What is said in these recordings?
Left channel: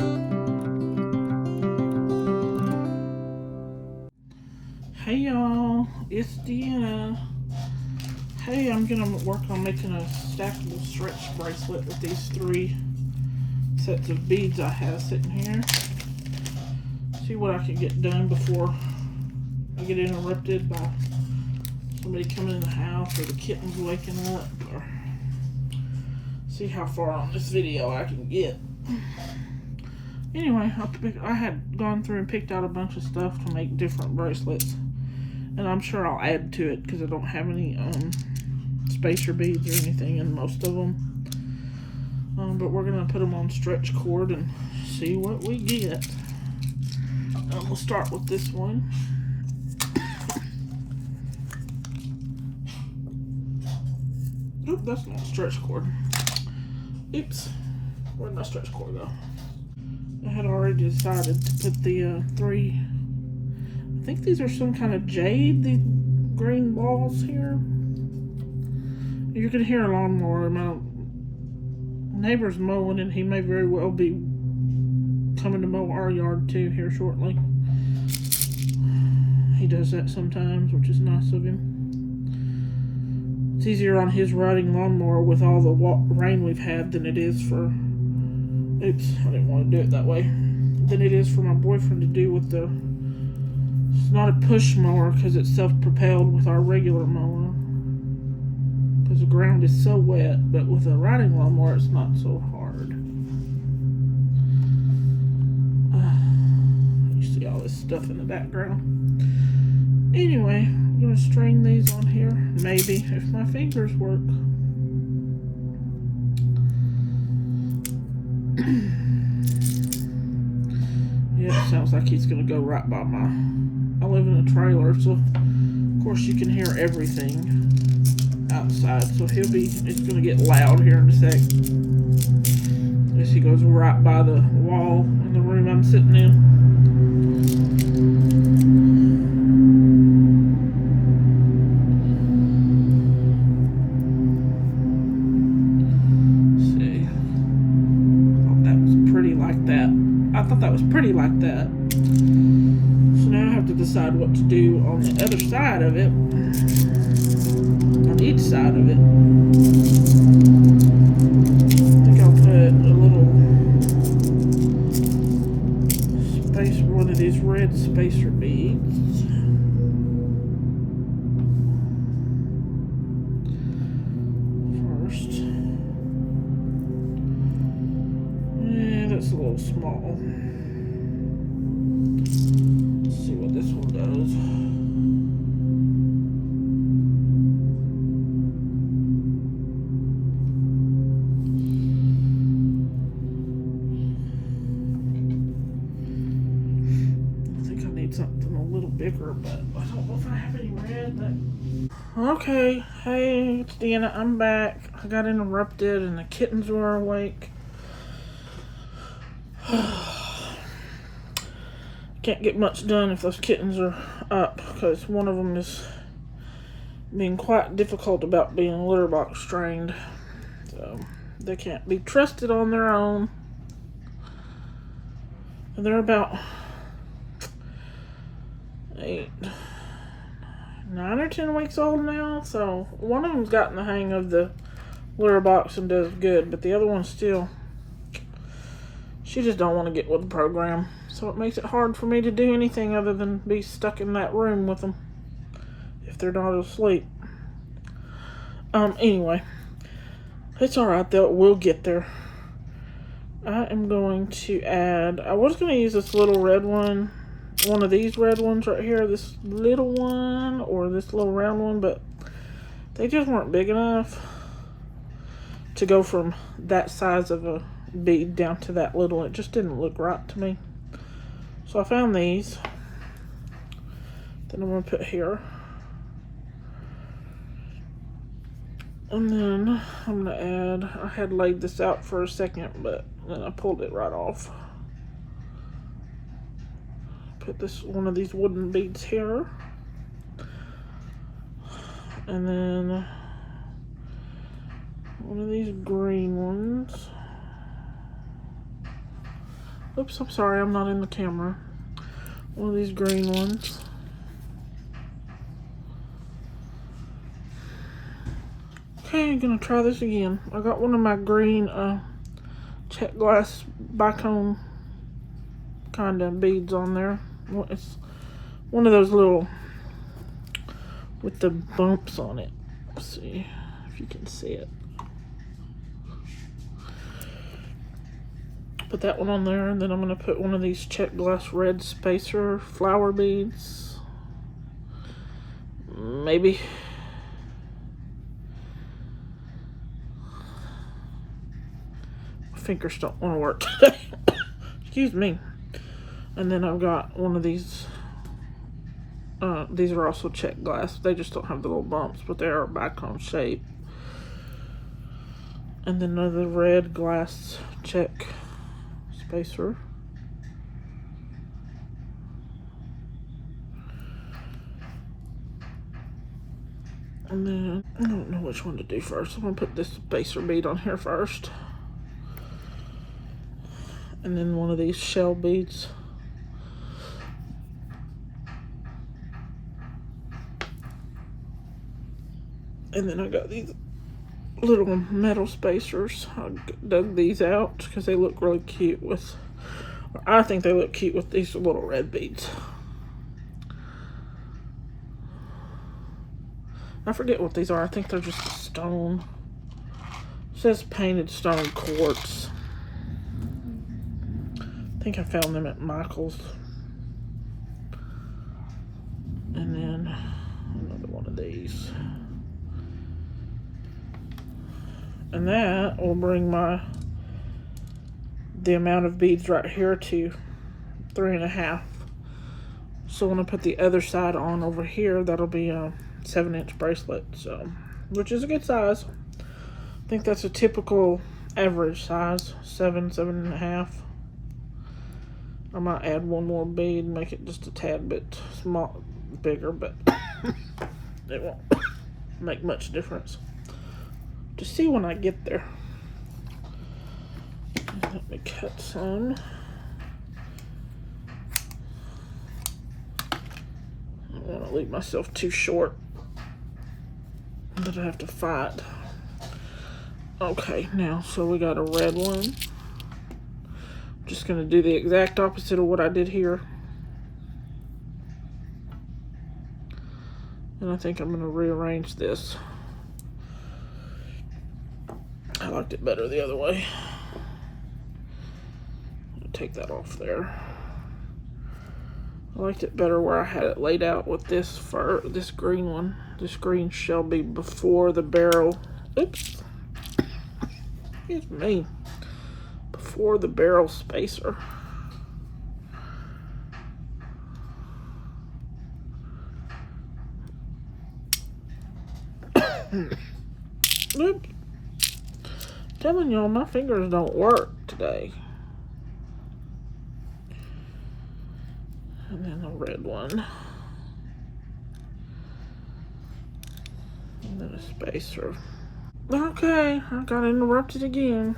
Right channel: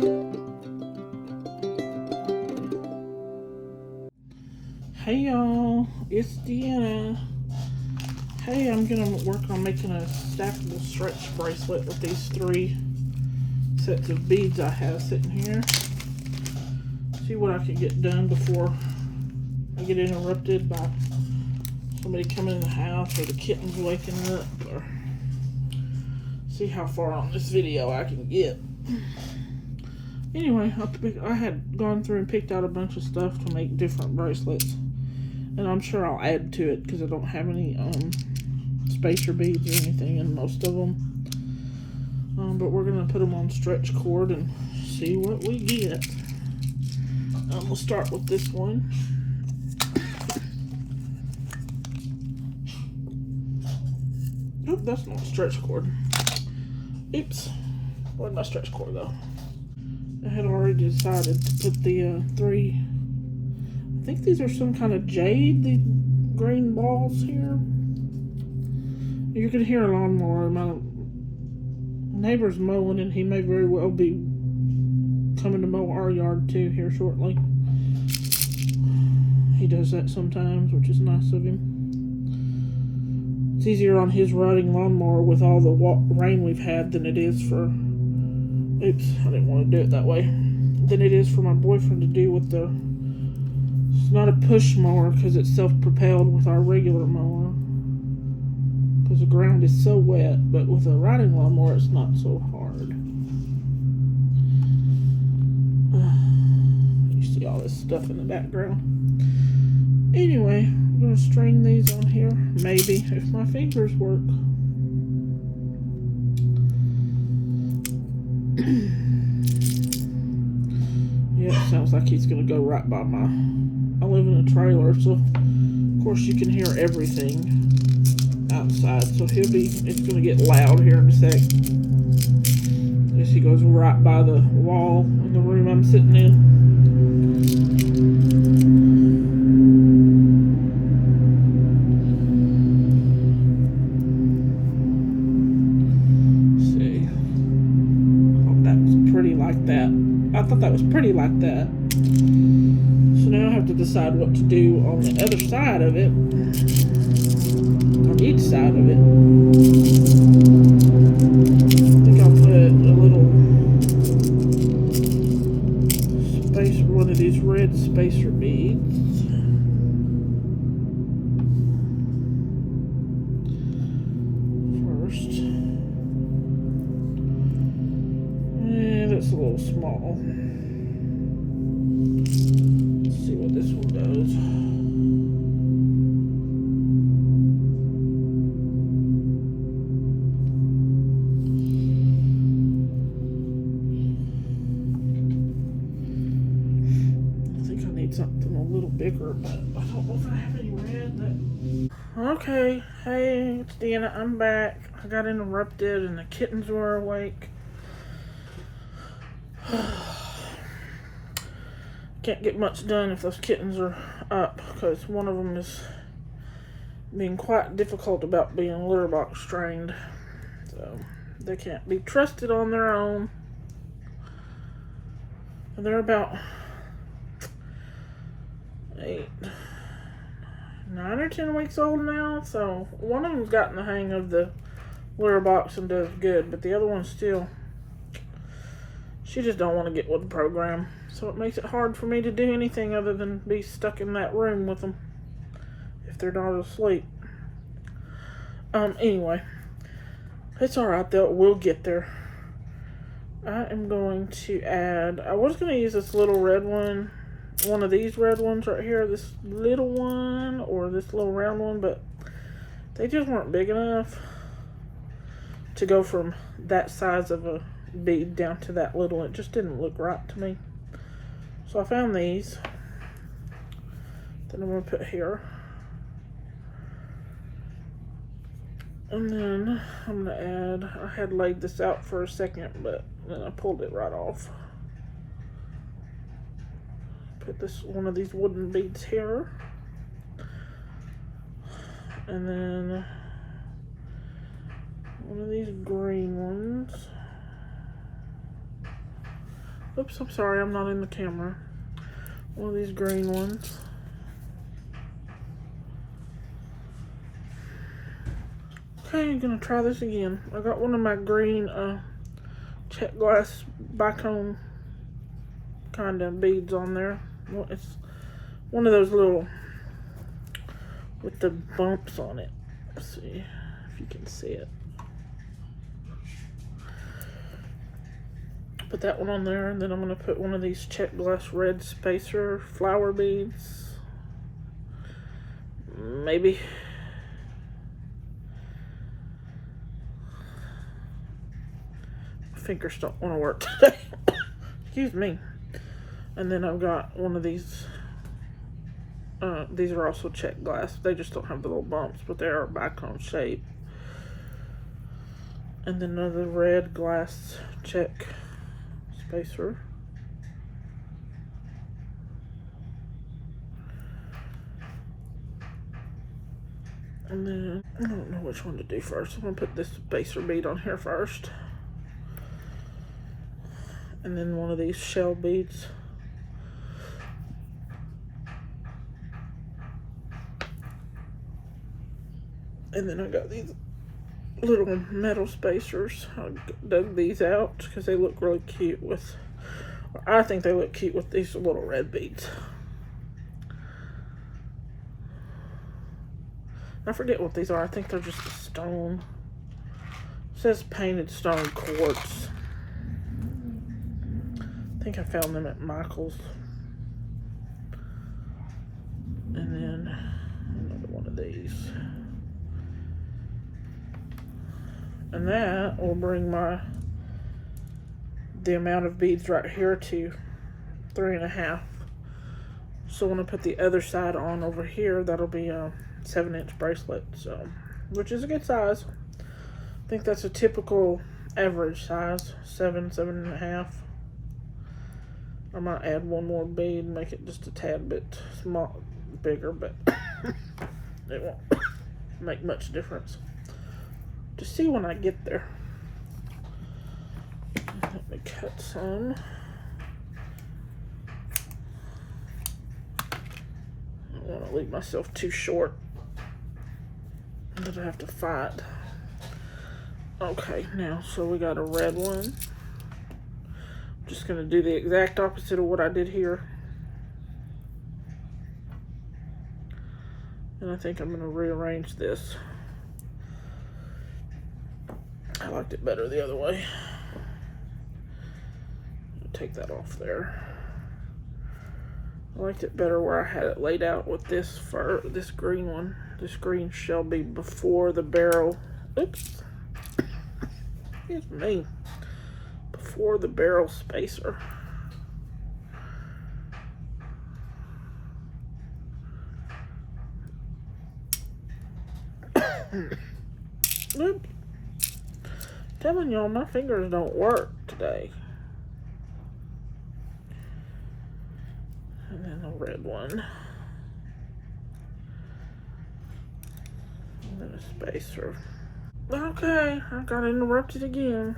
Hey y'all, it's Deanna. Hey, I'm gonna work on making a stackable stretch bracelet with these 3 sets of beads I have sitting here. See what I can get done before I get interrupted by somebody coming in the house or the kittens waking up, or see how far on this video I can get. Anyway, I had gone through and picked out a bunch of stuff to make different bracelets, and I'm sure I'll add to it because I don't have any spacer beads or anything in most of them. But we're gonna put them on stretch cord and see what we get. We'll start with this one. Oop, that's not stretch cord. Oops, where'd my stretch cord go? I had already decided to put the 3, I think these are some kind of jade, these green balls here. You can hear a lawnmower. My neighbor's mowing, and he may very well be coming to mow our yard too here shortly. He does that sometimes, which is nice of him. It's easier on his riding lawnmower with all the rain we've had than it is for, oops, I didn't want to do it that way, than it is for my boyfriend to do with the, it's not a push mower because it's self-propelled with our regular mower, because the ground is so wet, but with a riding lawnmower it's not so hard. You see all this stuff in the background. Anyway, I'm going to string these on here, maybe, if my fingers work. Yeah, it sounds like he's going to go right by I live in a trailer, so of course you can hear everything outside, so it's going to get loud here in a sec. I guess he goes right by the wall in the room I'm sitting in. I thought that was pretty like that. So now I have to decide what to do on the other side of it. On each side of it. I think I'll put a little one of these red spacer beads. First. Yeah, that's a little small. Let's see what this one does. I think I need something a little bigger, but I don't know if I have any red. Okay, hey, it's Deanna. I'm back. I got interrupted and the kittens were awake. Can't get much done if those kittens are up, because one of them is being quite difficult about being litter box trained. So they can't be trusted on their own. And they're about 9 or 10 weeks old now, so one of them's gotten the hang of the litter box and does good, but the other one still, she just don't want to get with the program. So it makes it hard for me to do anything other than be stuck in that room with them if they're not asleep. Anyway, it's alright though, we'll get there. I am going to add, I was going to use this little red one of these red ones right here, this little one, or this little round one, but they just weren't big enough to go from that size of a bead down to that little. It just didn't look right to me. So I found these that I'm going to put here. And then I'm going to add, I had laid this out for a second, but then I pulled it right off. Put one of these wooden beads here. And then one of these green ones. Oops, I'm sorry, I'm not in the camera. One of these green ones. Okay, I'm gonna try this again. I got one of my green check glass bicone kind of beads on there. It's one of those little with the bumps on it. Let's see if you can see it. Put that one on there, and then I'm going to put one of these check glass red spacer flower beads. Maybe. My fingers don't want to work today. Excuse me. And then I've got one of these. These are also check glass. They just don't have the little bumps, but they are bicone shape. And then another red glass check spacer. And then I don't know which one to do first. I'm gonna put this spacer bead on here first. And then one of these shell beads. And then I got these little metal spacers. I dug these out because they look really cute with, I think they look cute with these little red beads. I forget what these are. I think they're just a stone. It says painted stone quartz. I think I found them at Michael's. And then another one of these. And that will bring the amount of beads right here to 3.5. So when I put the other side on over here, that'll be a 7-inch bracelet, so which is a good size. I think that's a typical average size, 7.5. I might add one more bead, make it just a tad bit bigger, but it won't make much difference. To see when I get there. Let me cut some. I don't want to leave myself too short that I have to fight. Okay, now, so we got a red one. Just going to do the exact opposite of what I did here. And I think I'm going to rearrange this. I liked it better the other way. Take that off there. I liked it better where I had it laid out with this green one. This green shall be before the barrel. Oops. Excuse me. Before the barrel spacer. Oops. Telling y'all my fingers don't work today. And then a red one. And then a spacer. Okay, I got interrupted again.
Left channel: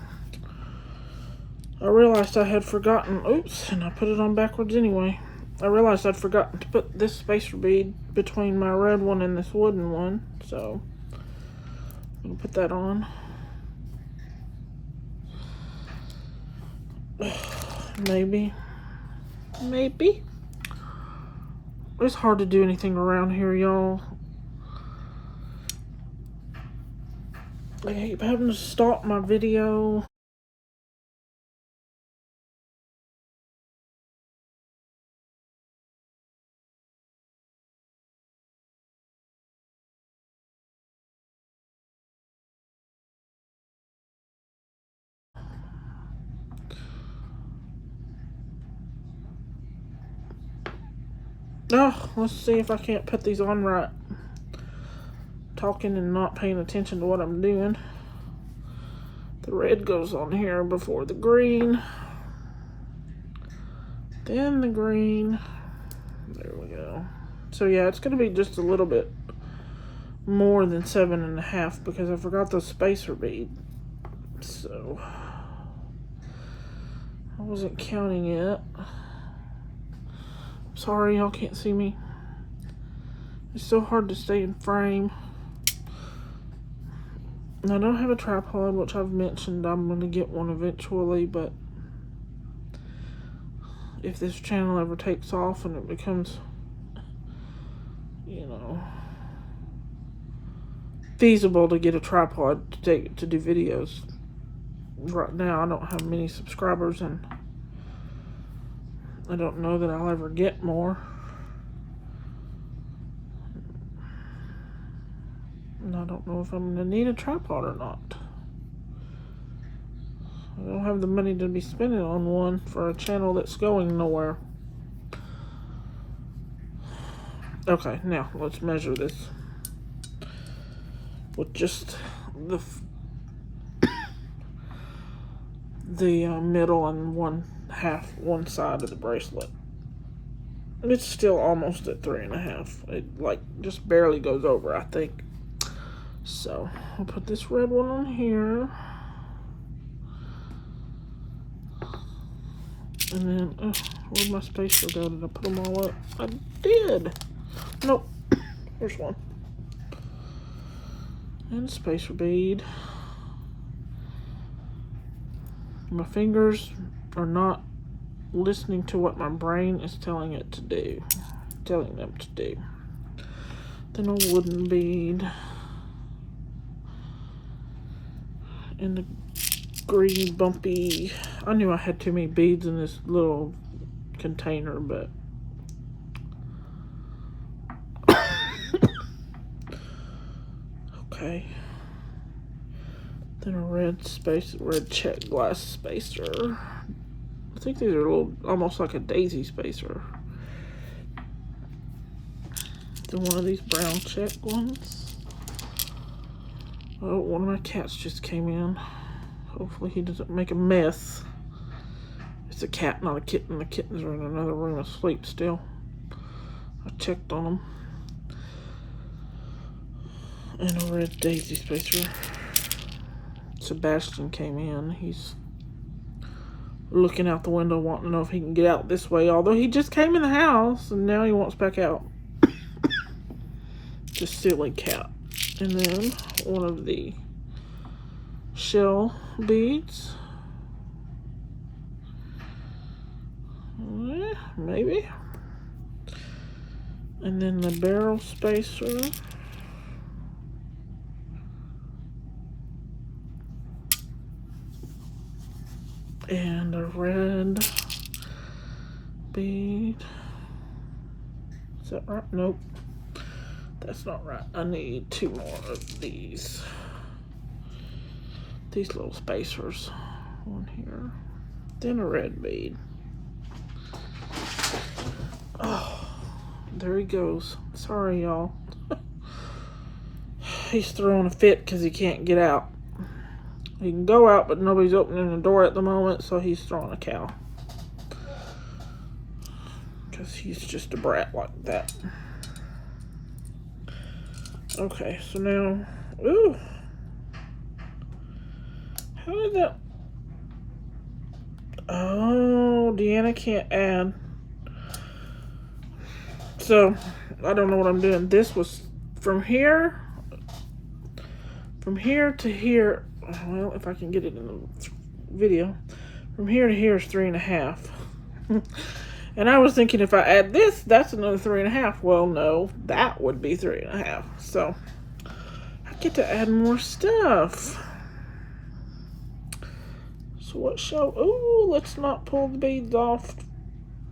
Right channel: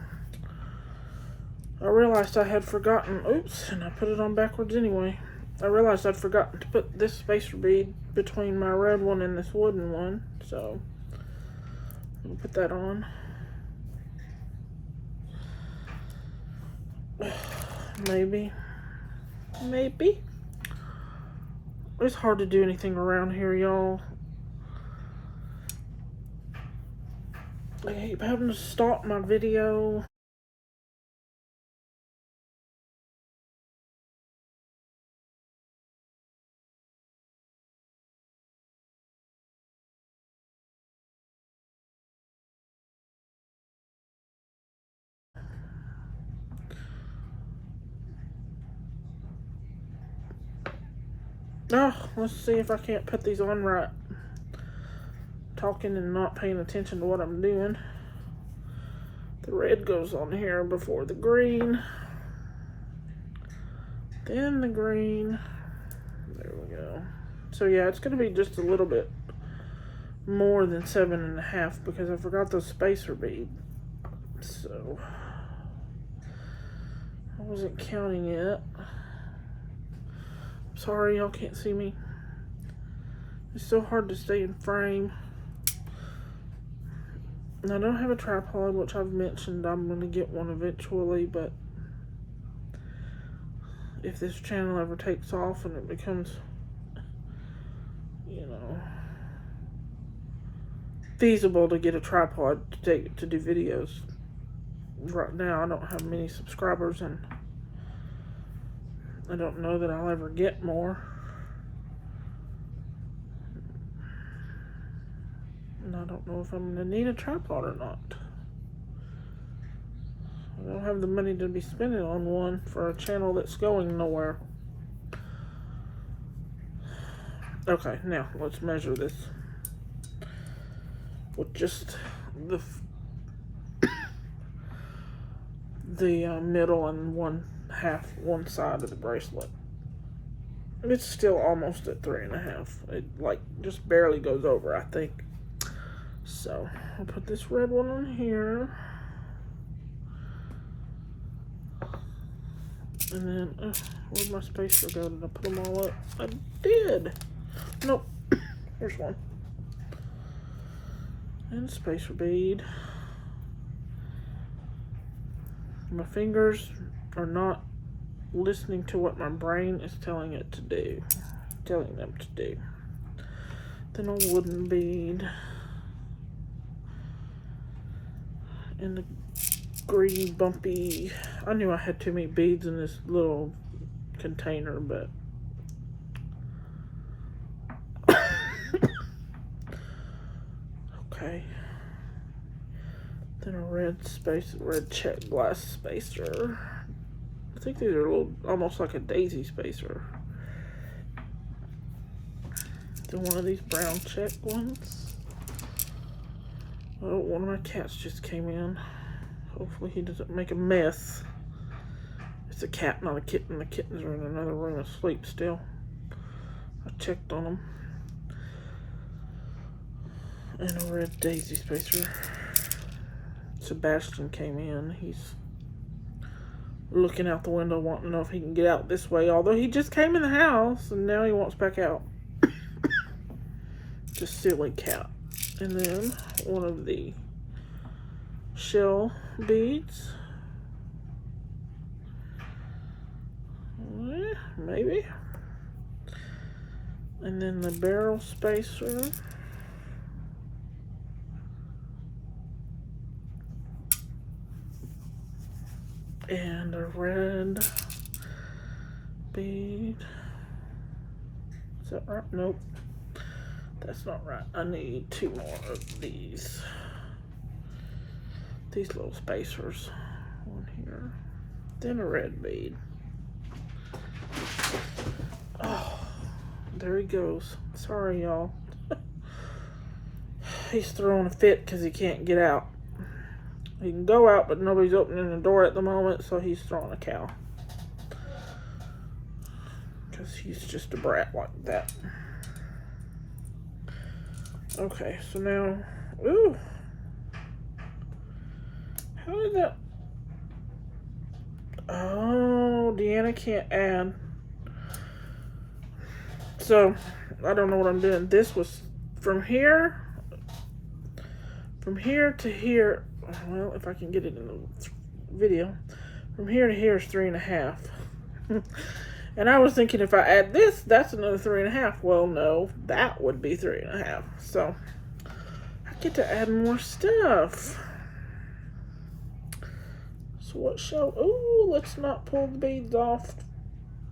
I realized I had forgotten, oops, and I put it on backwards anyway. I realized I'd forgotten to put this spacer bead between my red one and this wooden one, so I'm gonna put that on. Maybe. It's hard to do anything around here, y'all. I keep having to stop my video. Oh, let's see if I can't put these on right. Talking and not paying attention to what I'm doing. The red goes on here before the green. Then the green. There we go. So yeah, it's going to be just a little bit more than 7.5 because I forgot the spacer bead. So I wasn't counting it. Sorry, y'all can't see me. It's so hard to stay in frame. And I don't have a tripod, which I've mentioned I'm going to get one eventually, but if this channel ever takes off and it becomes, you know, feasible to get a tripod to do videos. Right now I don't have many subscribers and I don't know that I'll ever get more. And I don't know if I'm going to need a tripod or not. I don't have the money to be spending on one for a channel that's going nowhere. Okay, now let's measure this with just the middle and one side of the bracelet. It's still almost at 3.5. It like just barely goes over, I think. So I'll put this red one on here. And then, where'd my spacer go? Did I put them all up? I did. Nope. Here's one. And spacer bead. My fingers are not listening to what my brain is telling them to do. Then a wooden bead. And the green bumpy. I knew I had too many beads in this little container, but okay. Then a red check glass spacer. I think these are a little, almost like a daisy spacer. Then one of these brown check ones. Oh, one of my cats just came in. Hopefully he doesn't make a mess. It's a cat, not a kitten. The kittens are in another room asleep still. I checked on them. And a red daisy spacer. Sebastian came in. He's looking out the window wanting to know if he can get out this way. Although he just came in the house and now he wants back out. Just silly cat. And then one of the shell beads. Maybe. And then the barrel spacer. And a red bead. Is that right? Nope. That's not right. I need 2 more of these. These little spacers. One here. Then a red bead. Oh, there he goes. Sorry, y'all. He's throwing a fit because he can't get out. He can go out, but nobody's opening the door at the moment, so he's throwing a cow. Because he's just a brat like that. Okay, so now, ooh. How did that? Oh, Deanna can't add. So, I don't know what I'm doing. This was from here to here. Well, if I can get it in the video. From here to here is 3.5. And I was thinking if I add this, that's another 3.5. Well, no, that would be 3.5. So, I get to add more stuff. So what shall, ooh, let's not pull the beads off.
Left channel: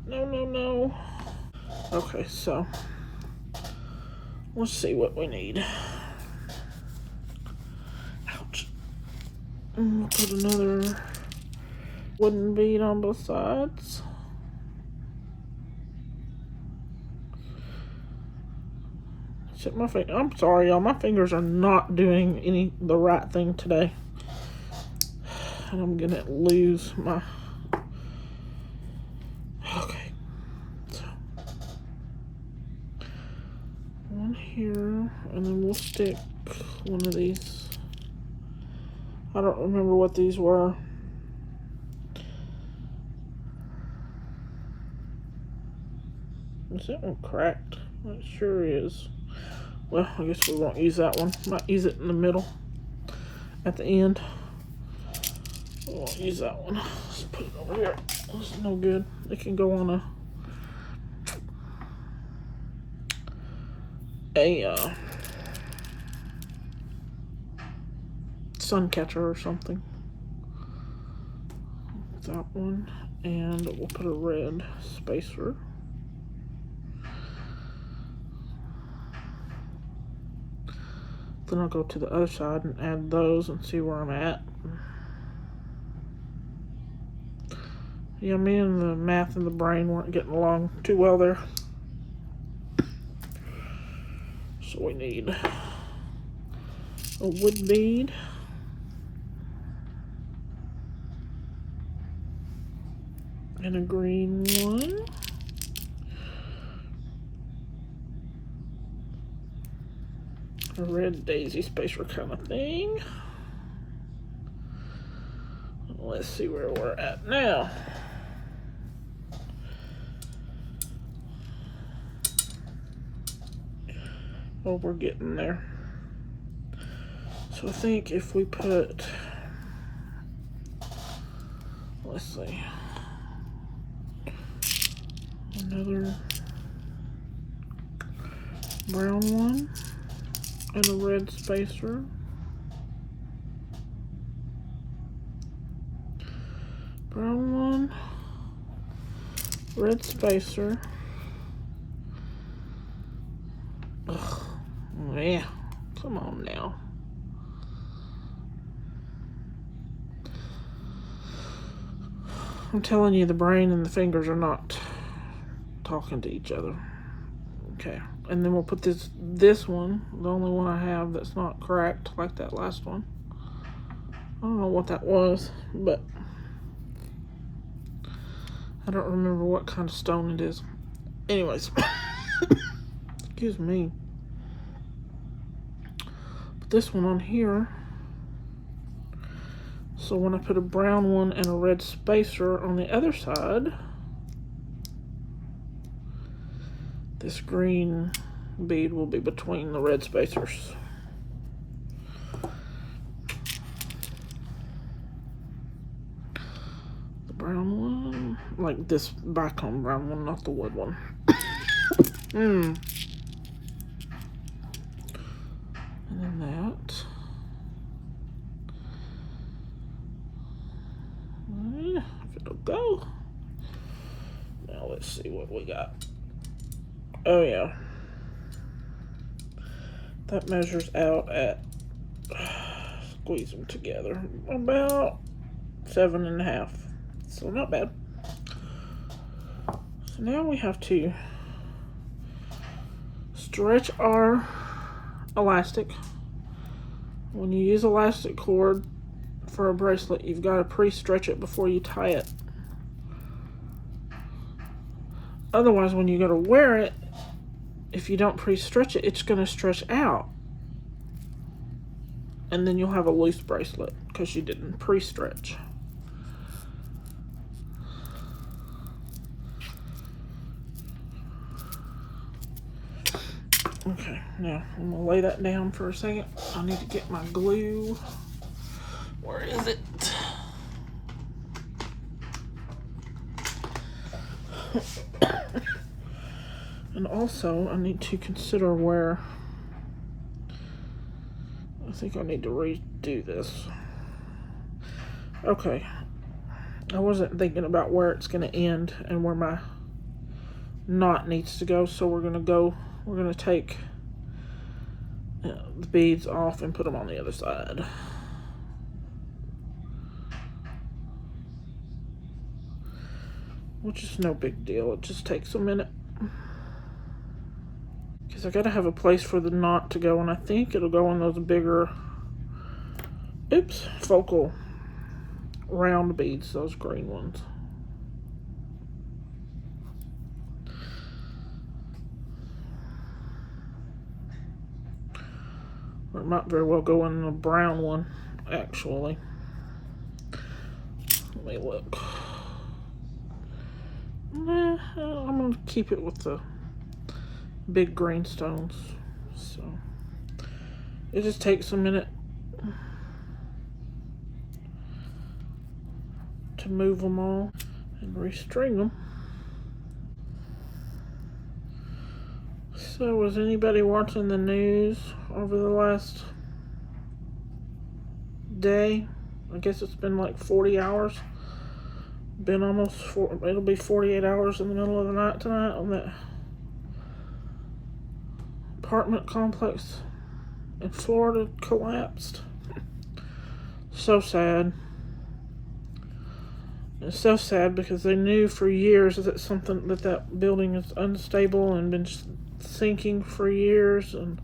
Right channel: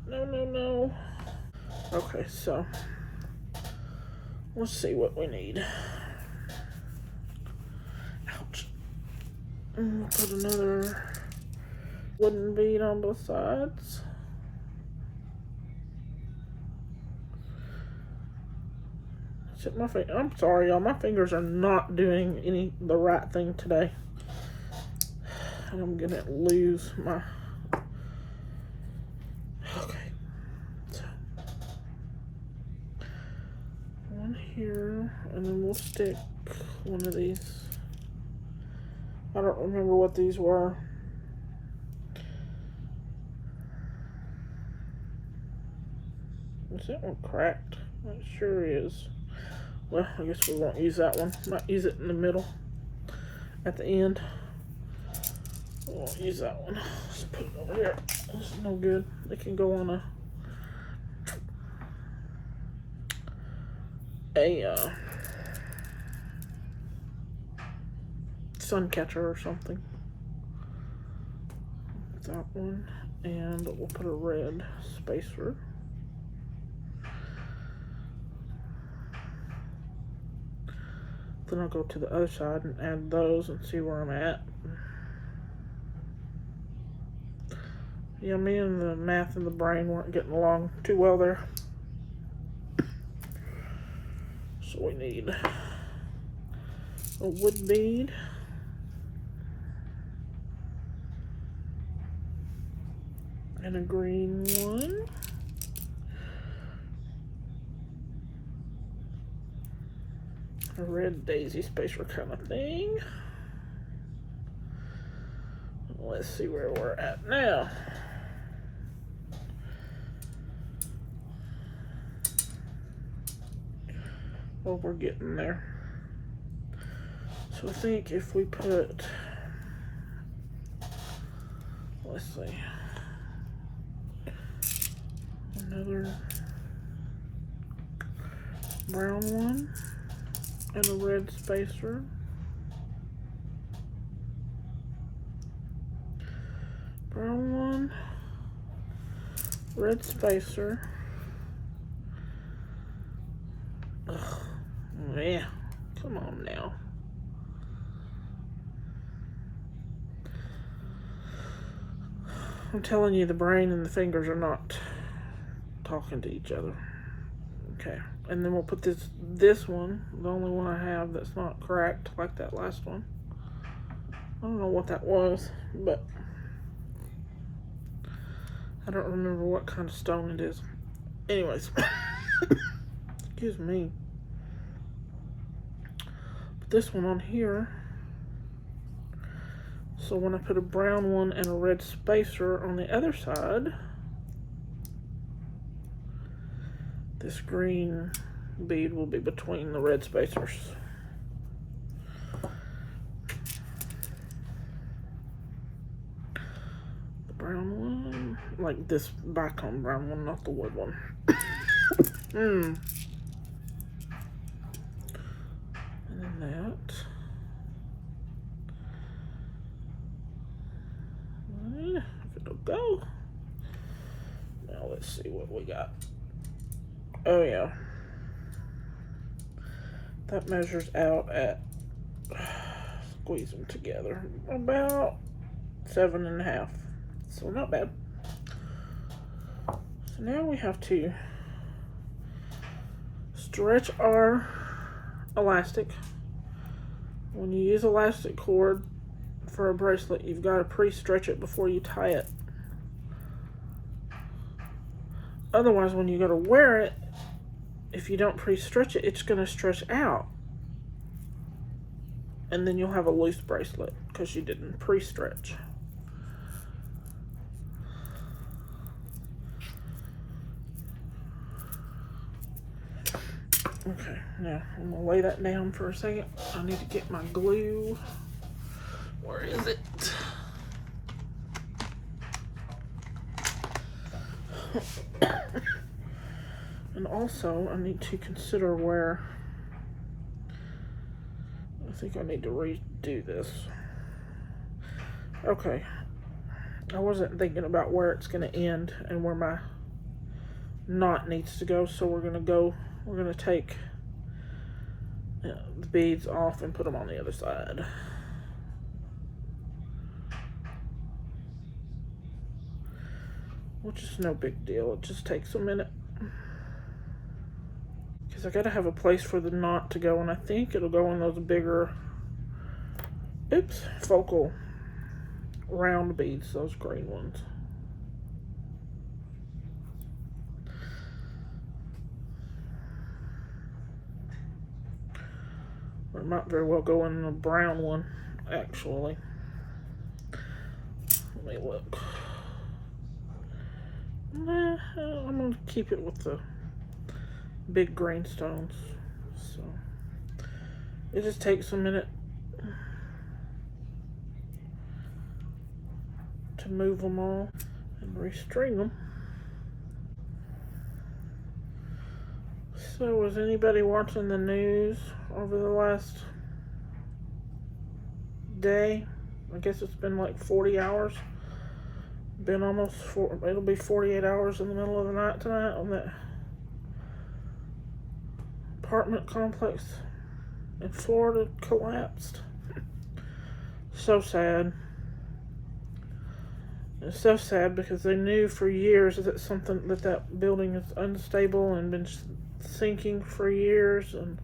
No. Okay, so, let's see what we need. Ouch. And we'll put another wooden bead on both sides. Except my finger, I'm sorry, y'all, my fingers are not doing the right thing today. And I'm gonna lose my, okay, so one here, and then we'll stick one of these. I don't remember what these were. Is that one cracked? It sure is. Well, I guess we won't use that one. Might use it in the middle at the end. We won't use that one. Let's put it over here. It's no good. It can go on a sun catcher or something. That one, and we'll put a red spacer. Then I'll go to the other side and add those and see where I'm at. Yeah, me and the math and the brain weren't getting along too well there. So we need a wood bead. And a green one. A red daisy spacer kind of thing. Let's see where we're at now. Oh, we're getting there. So I think if we put, let's see, another brown one and a red spacer. Brown one, red spacer. Ugh, yeah, come on now. I'm telling you, the brain and the fingers are not talking to each other. Okay, and then we'll put this one, the only one I have that's not cracked like that last one. I don't know what that was, but I don't remember what kind of stone it is. Anyways, excuse me. Put this one on here. So when I put a brown one and a red spacer on the other side, this green bead will be between the red spacers. The brown one, like this bicone brown one, not the wood one. And then that. If it'll go. Now let's see what we got. Oh yeah. That measures out at, squeeze them together, about 7.5. So not bad. So now we have to stretch our elastic. When you use elastic cord for a bracelet, you've got to pre-stretch it before you tie it. Otherwise, when you go to wear it, if you don't pre-stretch it, it's going to stretch out. And then you'll have a loose bracelet because you didn't pre-stretch. Okay, now I'm going to lay that down for a second. I need to get my glue. Where is it? And also, I need to consider where, I think I need to redo this. Okay, I wasn't thinking about where it's going to end and where my knot needs to go, so we're going to take the beads off and put them on the other side. Which is no big deal, it just takes a minute. Because I gotta have a place for the knot to go, and I think it'll go in those bigger, focal round beads, those green ones. Or it might very well go in a brown one, actually. Let me look. I'm gonna keep it with the big green stones. So it just takes a minute to move them all and restring them. So was anybody watching the news over the last day? I guess it's been like 40 hours. Been almost it'll be 48 hours in the middle of the night tonight on that apartment complex in Florida collapsed. So sad. It's so sad because they knew for years that building is unstable and been sinking for years, and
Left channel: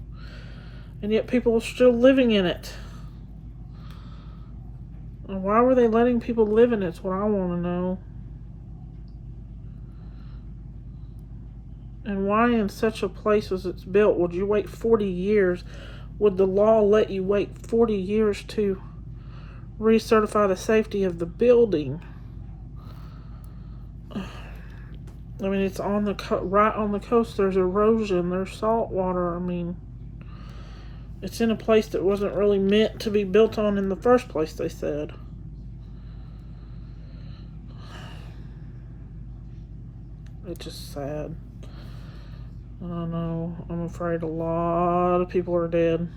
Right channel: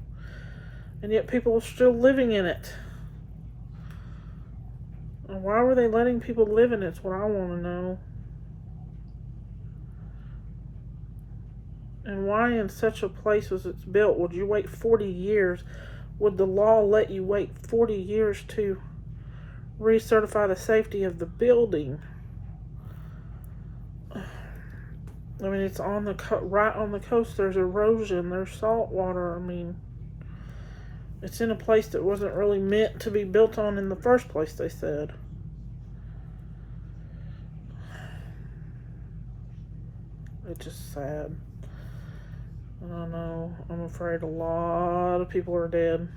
yet people are still living in it. And why were they letting people live in it? That's what I want to know. And why in such a place as it's built would you wait 40 years? Would the law let you wait 40 years to recertify the safety of the building? I mean, it's on the right on the coast. There's erosion. There's salt water. I mean, it's in a place that wasn't really meant to be built on in the first place, they said. It's just sad. I don't know. I'm afraid a lot of people are dead.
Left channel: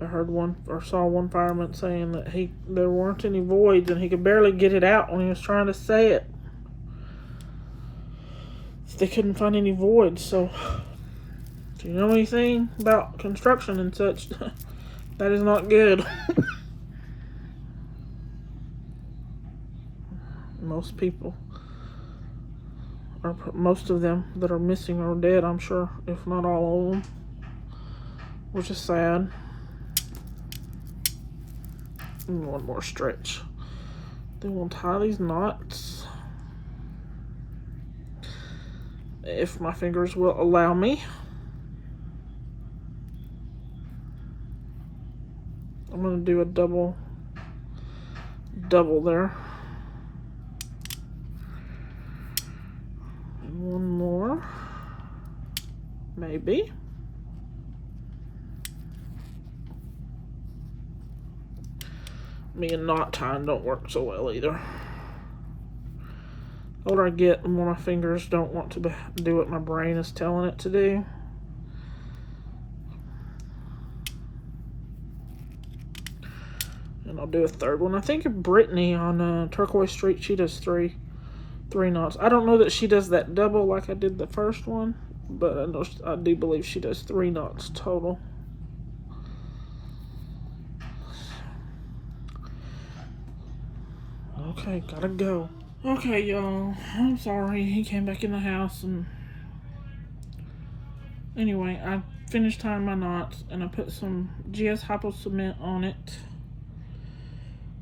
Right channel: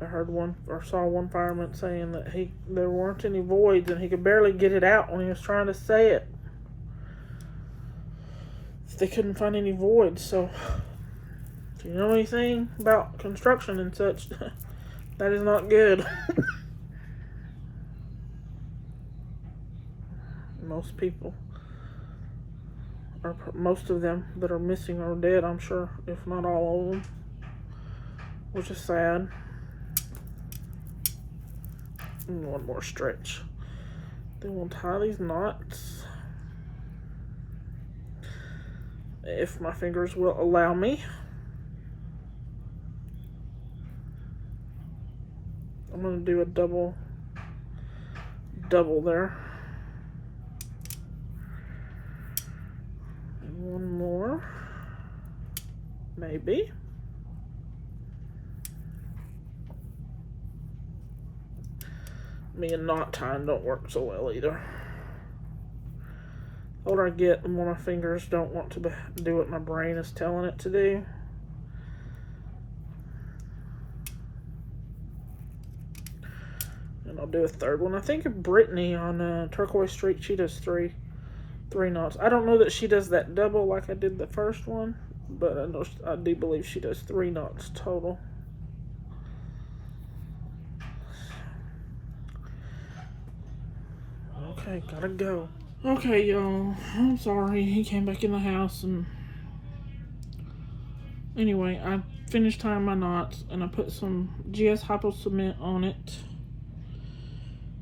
I saw one fireman saying that there weren't any voids and he could barely get it out when he was trying to say it. They couldn't find any voids. So, if you know anything about construction and such, that is not good. Most of them that are missing are dead, I'm sure, if not all of them, which is sad. And one more stretch. Then we'll tie these knots, if my fingers will allow me. I'm going to do a double there. And one more, maybe. Me and knot tying don't work so well either. The older I get, the more my fingers don't want to do what my brain is telling it to do. And I'll do a third one. I think of Brittany on Turquoise Street. She does three knots. I don't know that she does that double like I did the first one, but I do believe she does 3 knots total. Okay, gotta go. Okay, y'all. I'm sorry. He came back in the house, and anyway, I finished tying my knots, and I put some GS Hypo cement on it.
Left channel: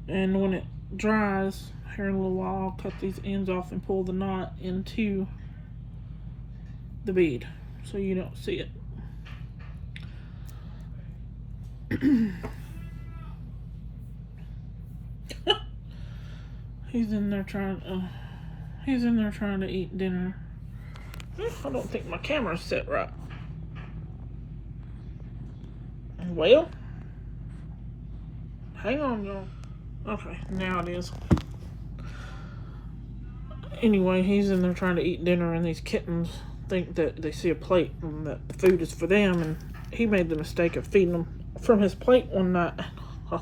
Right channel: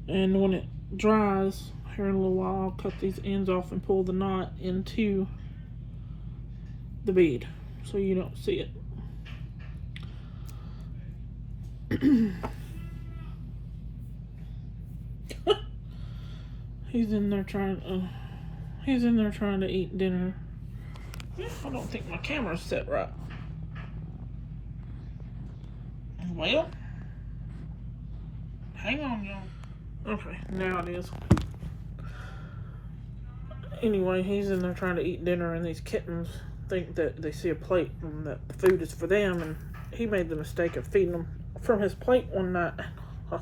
And when it dries, here in a little while, I'll cut these ends off and pull the knot into the bead so you don't see it. He's in there trying to eat dinner. I don't think my camera's set right. Well, hang on, y'all. Okay, now it is. Anyway, he's in there trying to eat dinner, and these kittens think that they see a plate and that the food is for them, and he made the mistake of feeding them from his plate one night. Oh,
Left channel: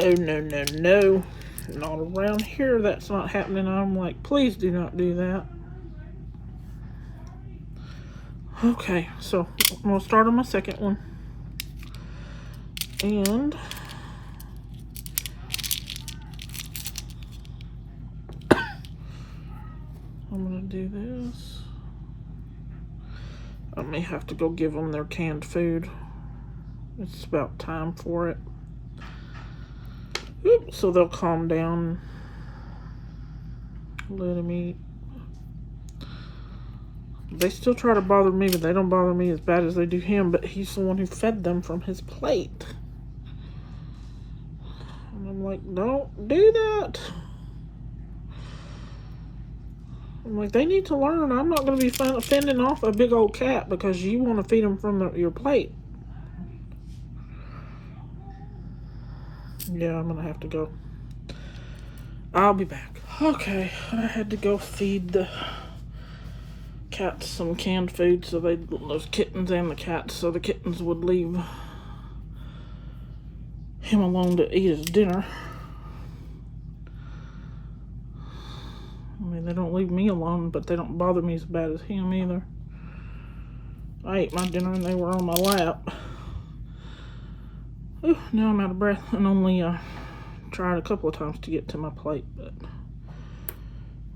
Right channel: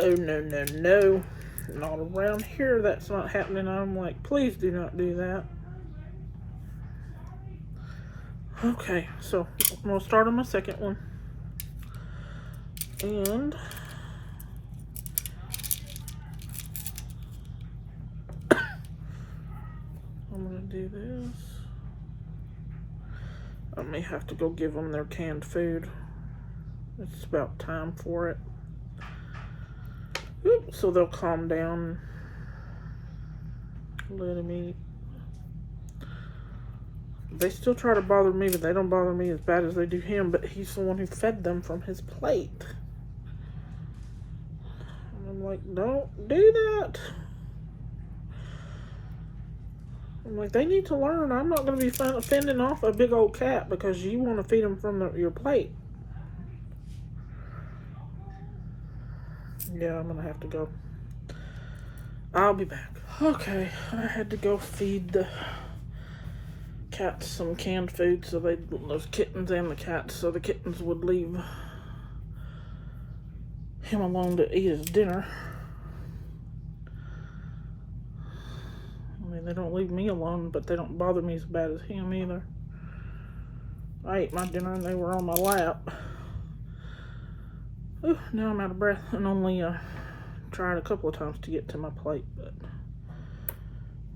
no. Not around here. That's not happening. I'm like, please do not do that. Okay, so I'm going to start on my second one. And I'm going to do this. I may have to go give them their canned food. It's about time for it. So they'll calm down, let him eat. They still try to bother me, but they don't bother me as bad as they do him, but he's the one who fed them from his plate. And I'm like, don't do that. I'm like, they need to learn. I'm not going to be fending off a big old cat because you want to feed them from your plate. Yeah, I'm going to have to go. I'll be back. Okay, I had to go feed the cats some canned food so those kittens and the cats, so the kittens would leave him alone to eat his dinner. I mean, they don't leave me alone, but they don't bother me as bad as him either. I ate my dinner and they were on my lap. Ooh, now I'm out of breath and only tried a couple of times to get to my plate,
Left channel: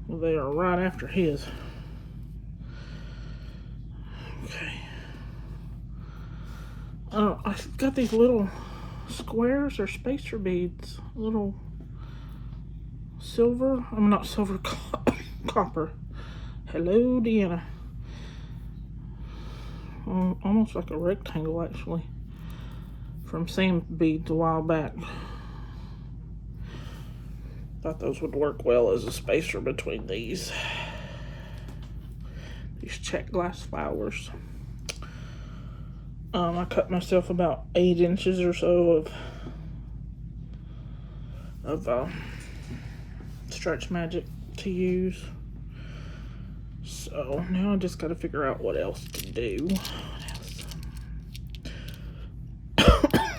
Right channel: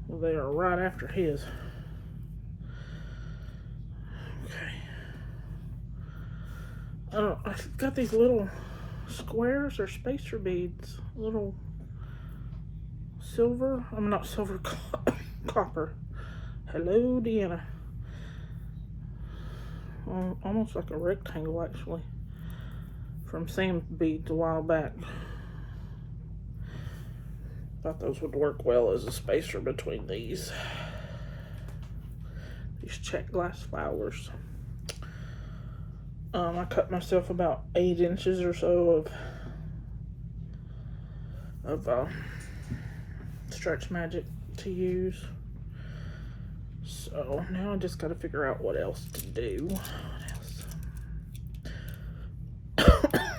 but they are right after his. Okay. Oh, I've got these little squares or spacer beads, little silver. I'm not silver, copper. Hello, Deanna. Almost like a rectangle, actually, from sand beads a while back. Thought those would work well as a spacer between these check glass flowers. I cut myself about 8 inches or so of stretch magic to use. So now I just got to figure out what else to do.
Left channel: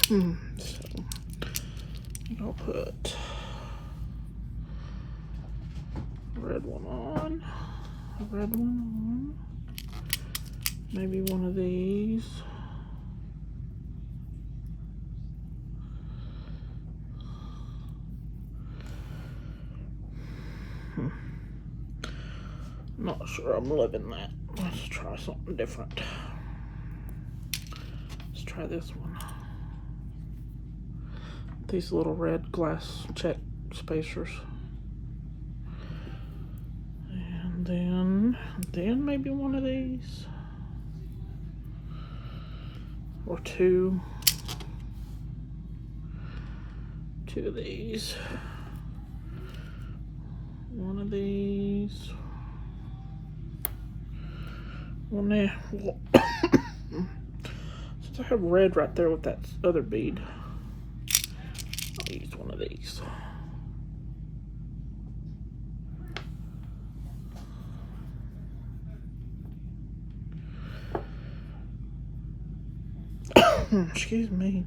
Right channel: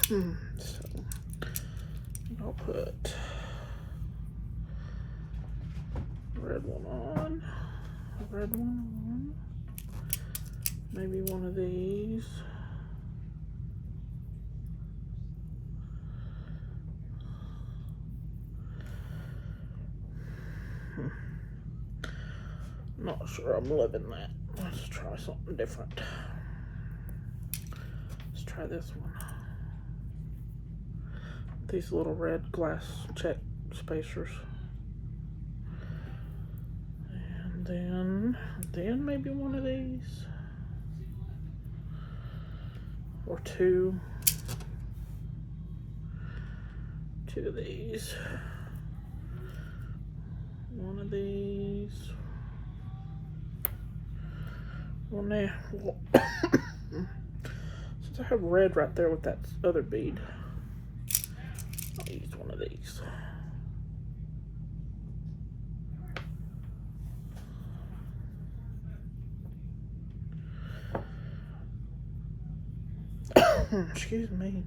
So I'll put a red one on, a red one on, maybe one of these. Not sure I'm loving that. Let's try something different. Let's try this one. These little red glass check spacers. And then maybe one of these. Or two of these. One of these. One there. Since I have red right there with that other bead, I'll use one of these. Excuse me.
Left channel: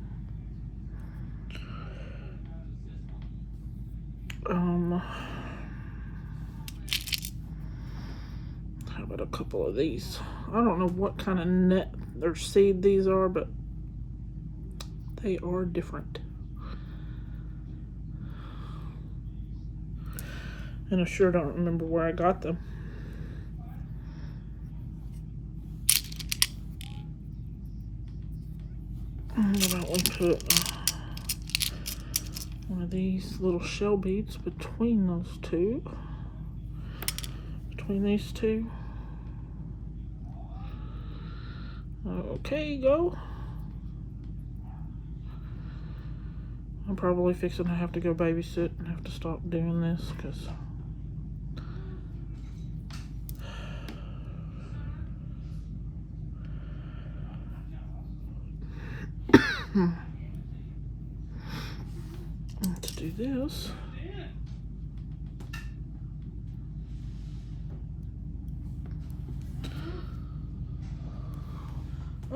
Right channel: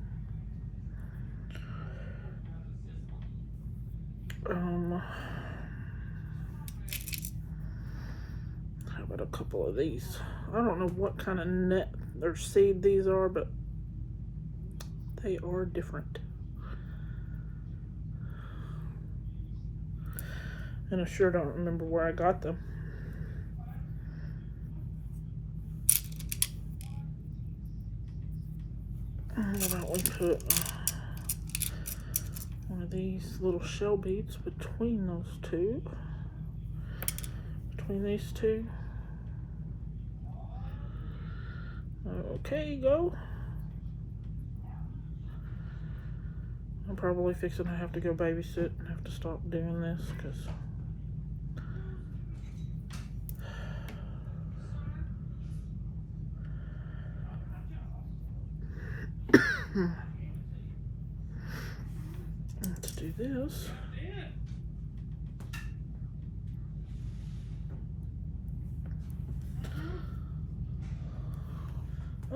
How about a couple of these? I don't know what kind of net or seed these are, but they are different. And I sure don't remember where I got them. How about we put one of these little shell beads between those two? Between these two. Okay, go. I'm probably fixing to have to go babysit and have to stop doing this because let's do this.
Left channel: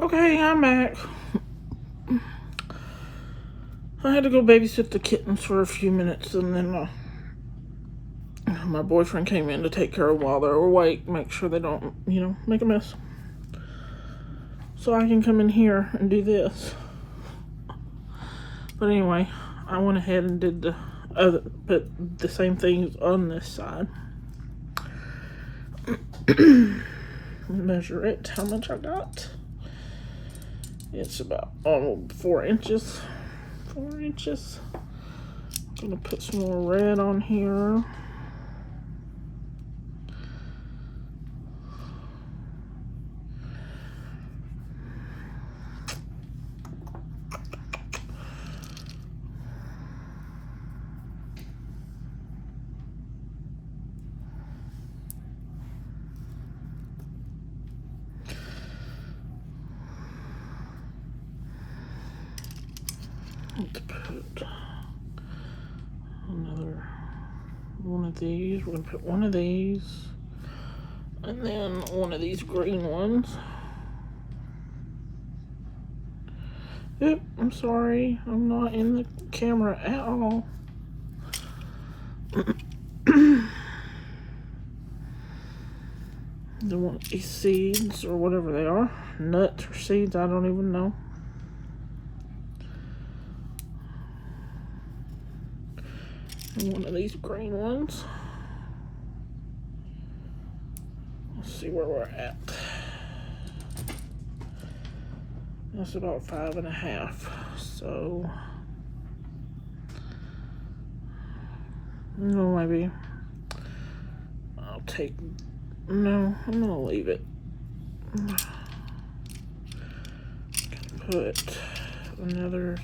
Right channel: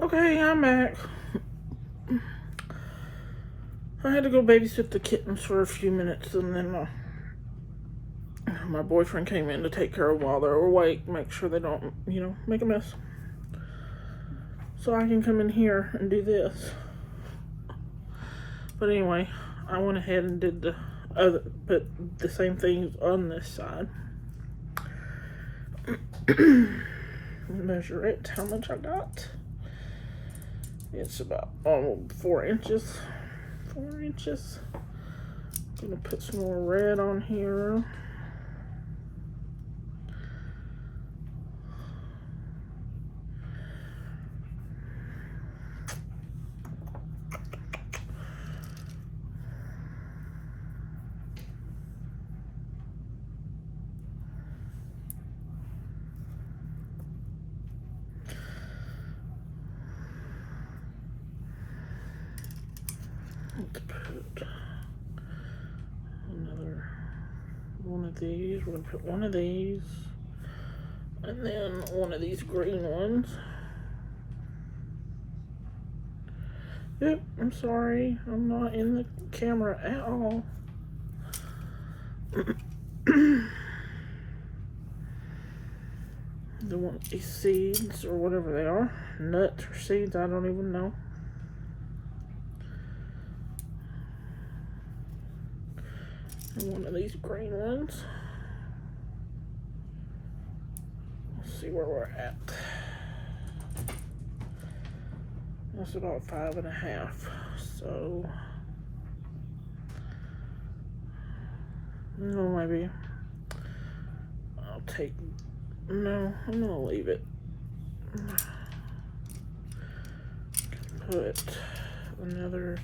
Okay, I'm back. I had to go babysit the kittens for a few minutes, and then my boyfriend came in to take care of them while they're awake, make sure they don't, make a mess. So I can come in here and do this. But anyway, I went ahead and did put the same things on this side. Measure it, how much I got. It's about 4 inches. 4 inches. I'm gonna put some more red on here. one of these. We're going to put one of these. And then one of these green ones. Yep, I'm sorry. I'm not in the camera at all. They want these seeds or whatever they are. Nuts or seeds, I don't even know. And one of these green ones. Let's see where we're at. That's about 5.5. So, no, maybe I'll take. No, I'm gonna leave it. Put another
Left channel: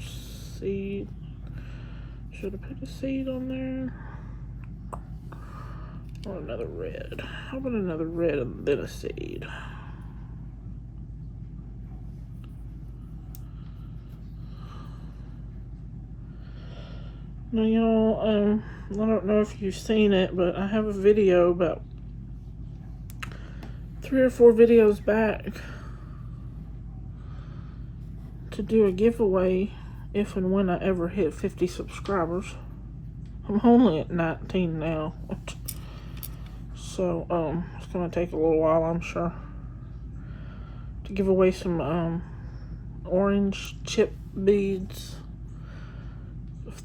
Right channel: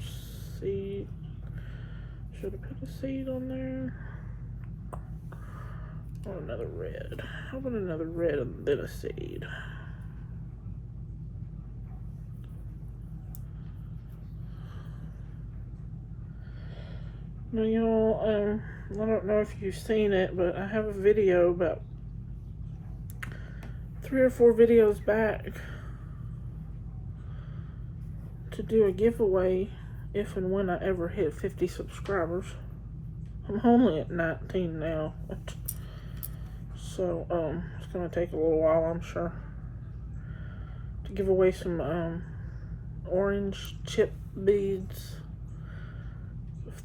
seed. Should I put a seed on there? Or another red? How about another red and then a seed? Now, y'all, I don't know if you've seen it, but I have a video about 3 or 4 videos back to do a giveaway if and when I ever hit 50 subscribers. I'm only at 19 now. So, it's going to take a little while, I'm sure, to give away some orange chip beads,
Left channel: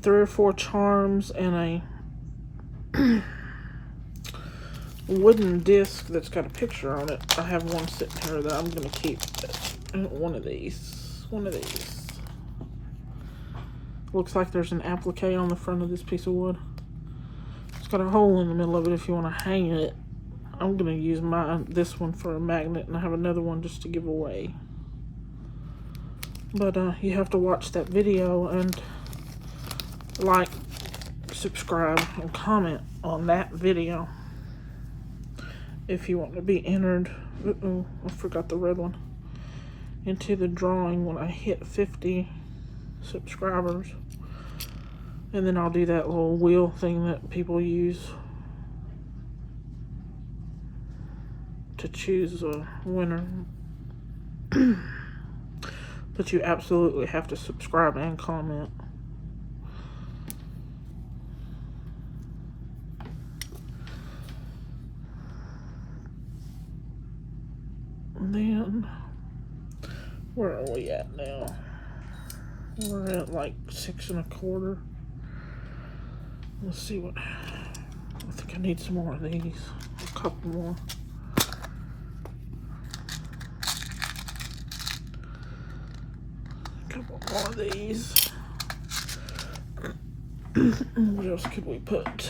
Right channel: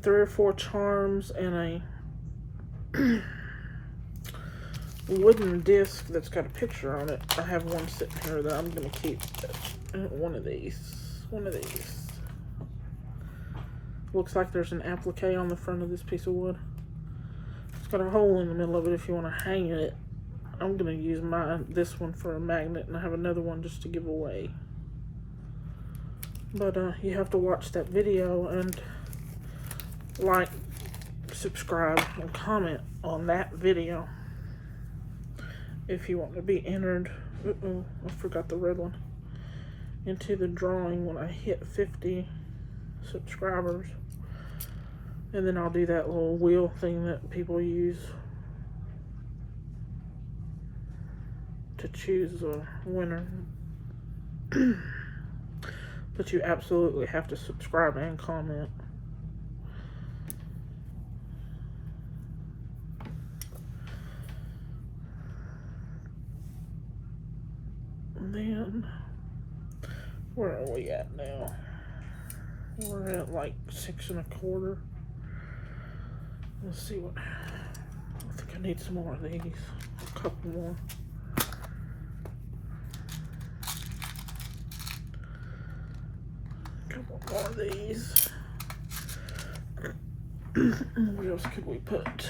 3 or 4 charms, and a wooden disc that's got a picture on it. I have one sitting here that I'm going to keep. One of these. Looks like there's an applique on the front of this piece of wood. It's got a hole in the middle of it if you want to hang it. I'm going to use this one for a magnet, and I have another one just to give away. But you have to watch that video and like, subscribe, and comment on that video if you want to be entered. Uh-oh, I forgot the red one. Into the drawing when I hit 50 subscribers. And then I'll do that little wheel thing that people use to choose a winner. But you absolutely have to subscribe and comment. And then, where are we at now? We're at like 6 1/4. Let's see what, I think I need some more of these, a couple more. A couple more of these. What else could we put?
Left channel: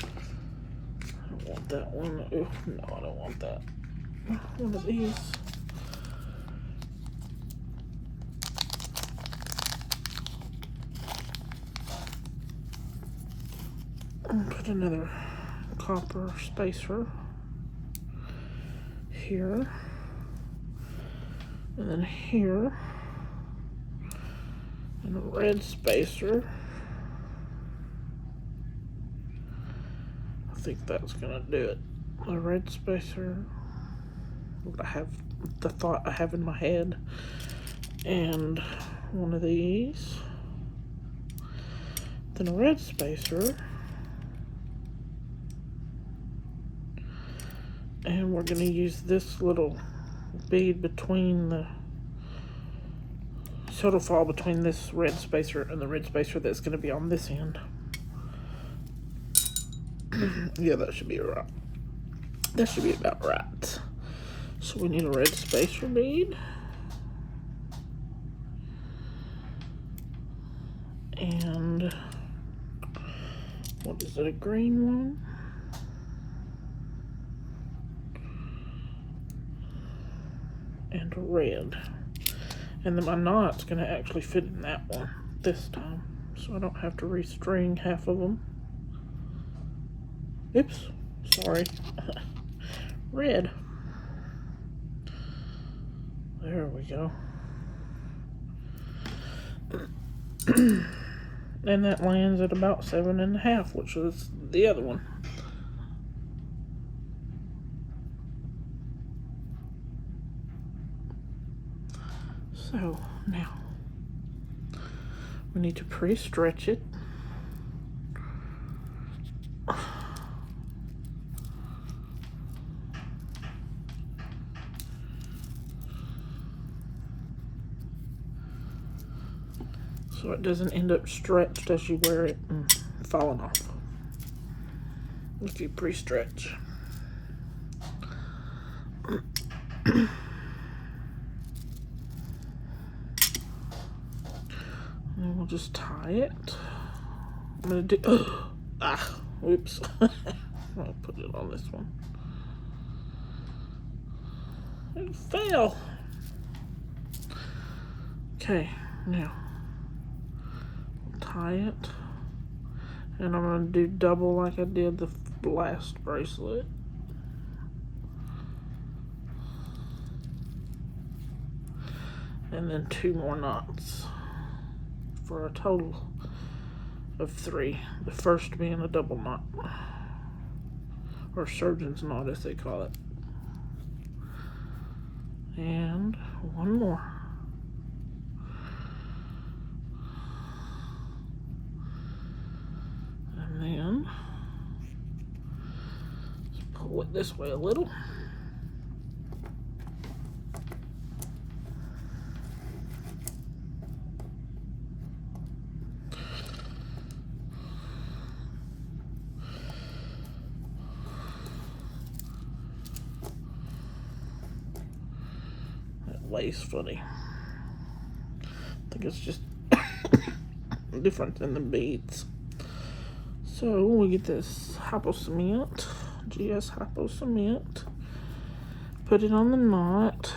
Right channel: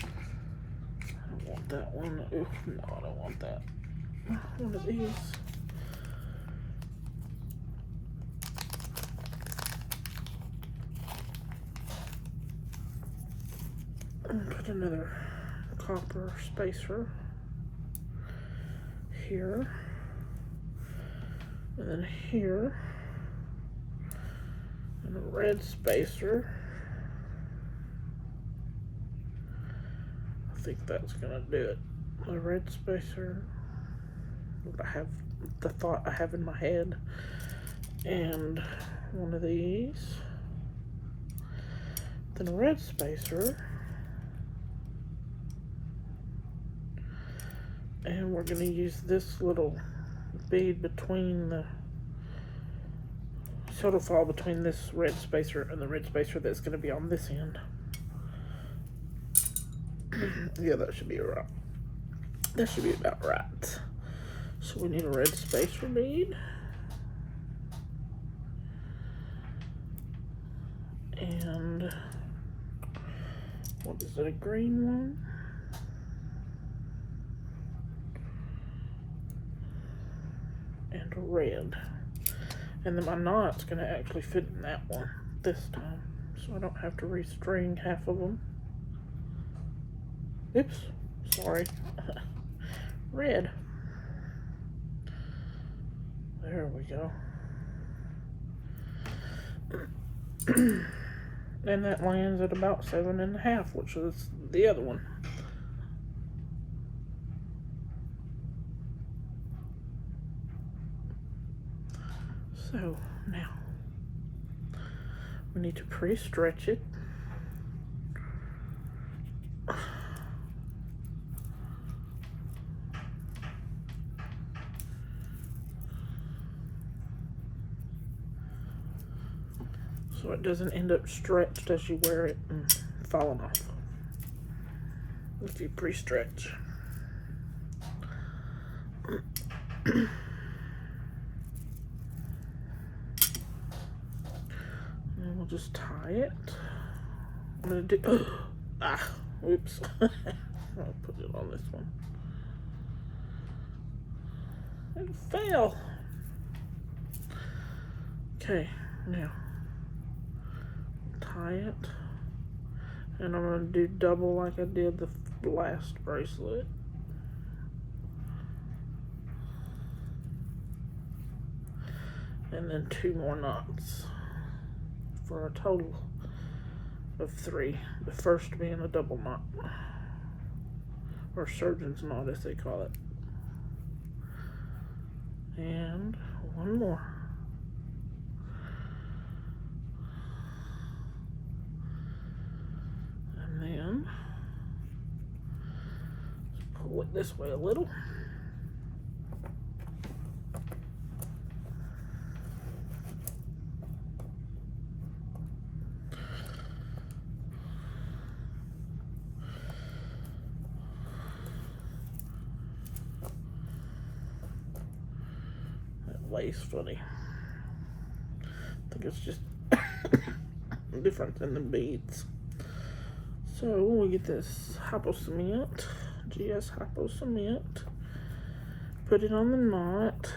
I want that one. Ooh, no, I don't want that. One of these. Put another copper spacer here, and then here, and a red spacer. I think that's gonna do it. A red spacer. I have the thought I have in my head, and one of these, then a red spacer. And we're going to use this little bead between the, so it'll fall between this red spacer and the red spacer that's going to be on this end. Yeah, that should be right. That should be about right. So we need a red spacer bead. And what is it, a green one? And a red. And then my knot's gonna actually fit in that one this time, so I don't have to restring half of them. Oops, sorry. Red. There we go. And that lands at about 7.5, which is the other one. So now we need to pre-stretch it. So it doesn't end up stretched as you wear it and falling off if you pre-stretch. And we'll just tie it. I'm gonna do, whoops. I'll put it on this one. It fell. Okay, now tie it, and I'm going to do double like I did the last bracelet. And then 2 more knots for a total of 3. The first being a double knot, or surgeon's knot as they call it. And 1 more. Pull it this way a little. That lace funny. I think it's just different than the beads. So we get this hypo cement. GS hypo cement, put it on the knot,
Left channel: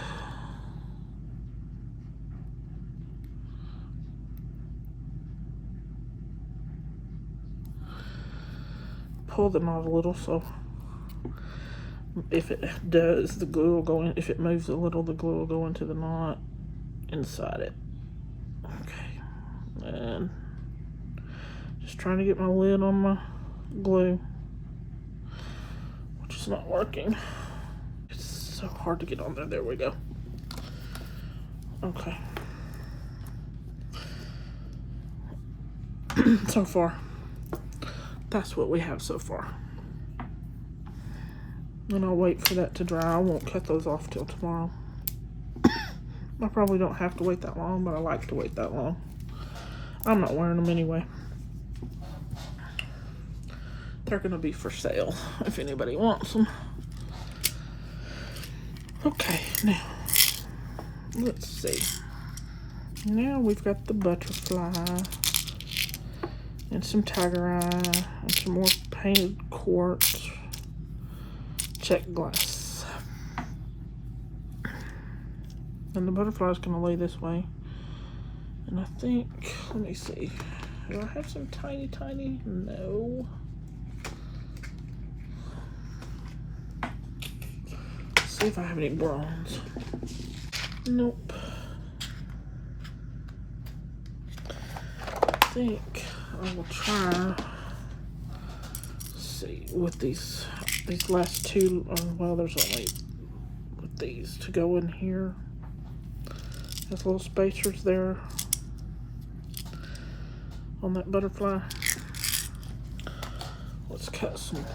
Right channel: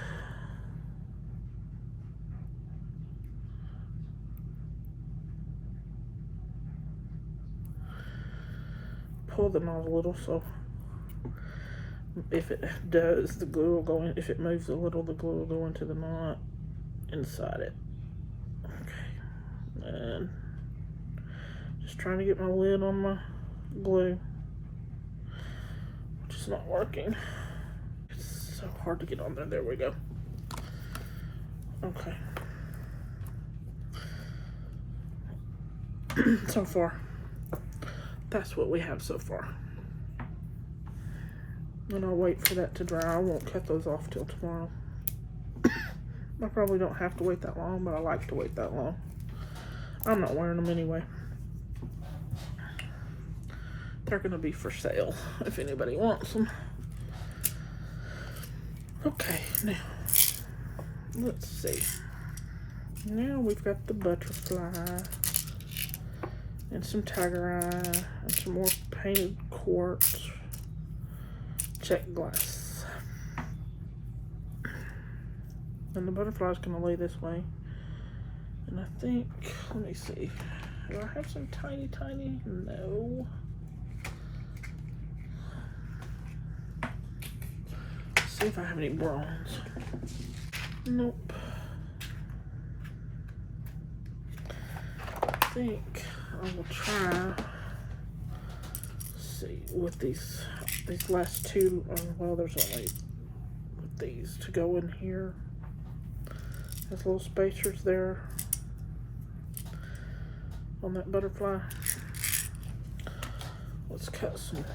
pull the knot a little, so if it does, the glue will go in. If it moves a little, the glue will go into the knot inside it. Okay, and just trying to get my lid on my glue. It's not working. It's so hard to get on there. There we go. Okay. So far, that's what we have so far. And I'll wait for that to dry. I won't cut those off till tomorrow. I probably don't have to wait that long, but I like to wait that long. I'm not wearing them anyway. They're gonna be for sale if anybody wants them. Okay, now let's see. Now we've got the butterfly and some tiger eye and some more painted quartz, check glass. And the butterfly's gonna lay this way. And I think, let me see. Do I have some tiny? No. See if I have any bronze. Nope. I think I will try. See with these last 2. Well, there's only with these to go in here. There's little spacers there on that butterfly. Let's cut some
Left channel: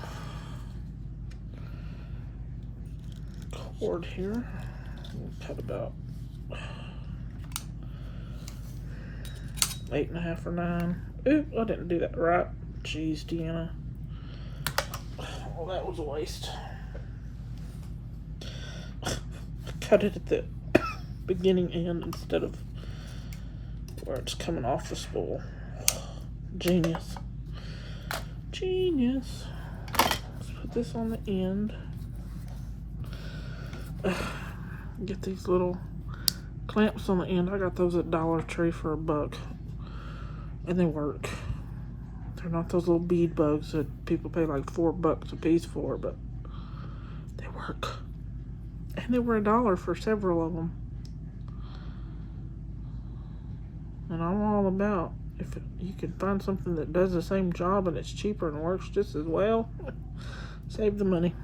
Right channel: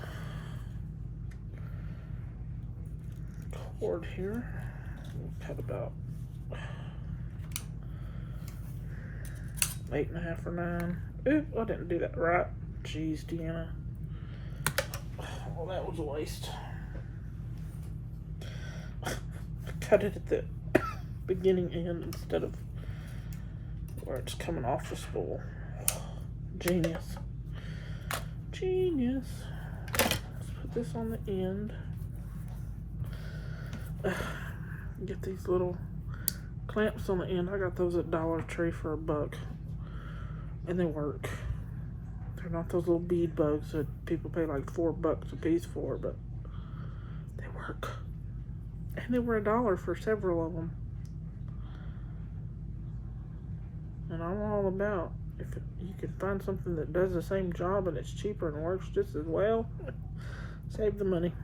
cord here. We'll cut about 8.5 or 9. Ooh, I didn't do that right. Jeez, Deanna. Well, that was a waste. Cut it at the beginning end instead of where it's coming off the spool. Genius. Genius. Let's put this on the end. Get these little clamps on the end. I got those at Dollar Tree for $1, and they work. They're not those little bead bugs that people pay like $4 a piece for, but they work. And they were $1 for several of them. And I'm all about you can find something that does the same job and it's cheaper and works just as well, save the money.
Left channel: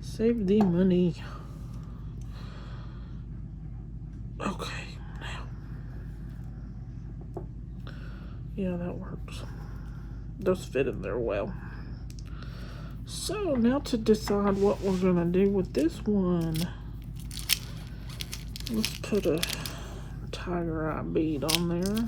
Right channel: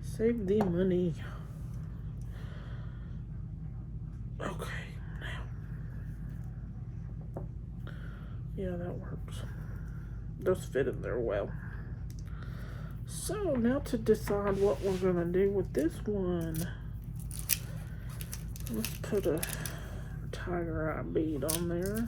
Save the money. Okay, now. Yeah, that works. Those fit in there well. So now to decide what we're gonna do with this one. Let's put a tiger eye bead on there.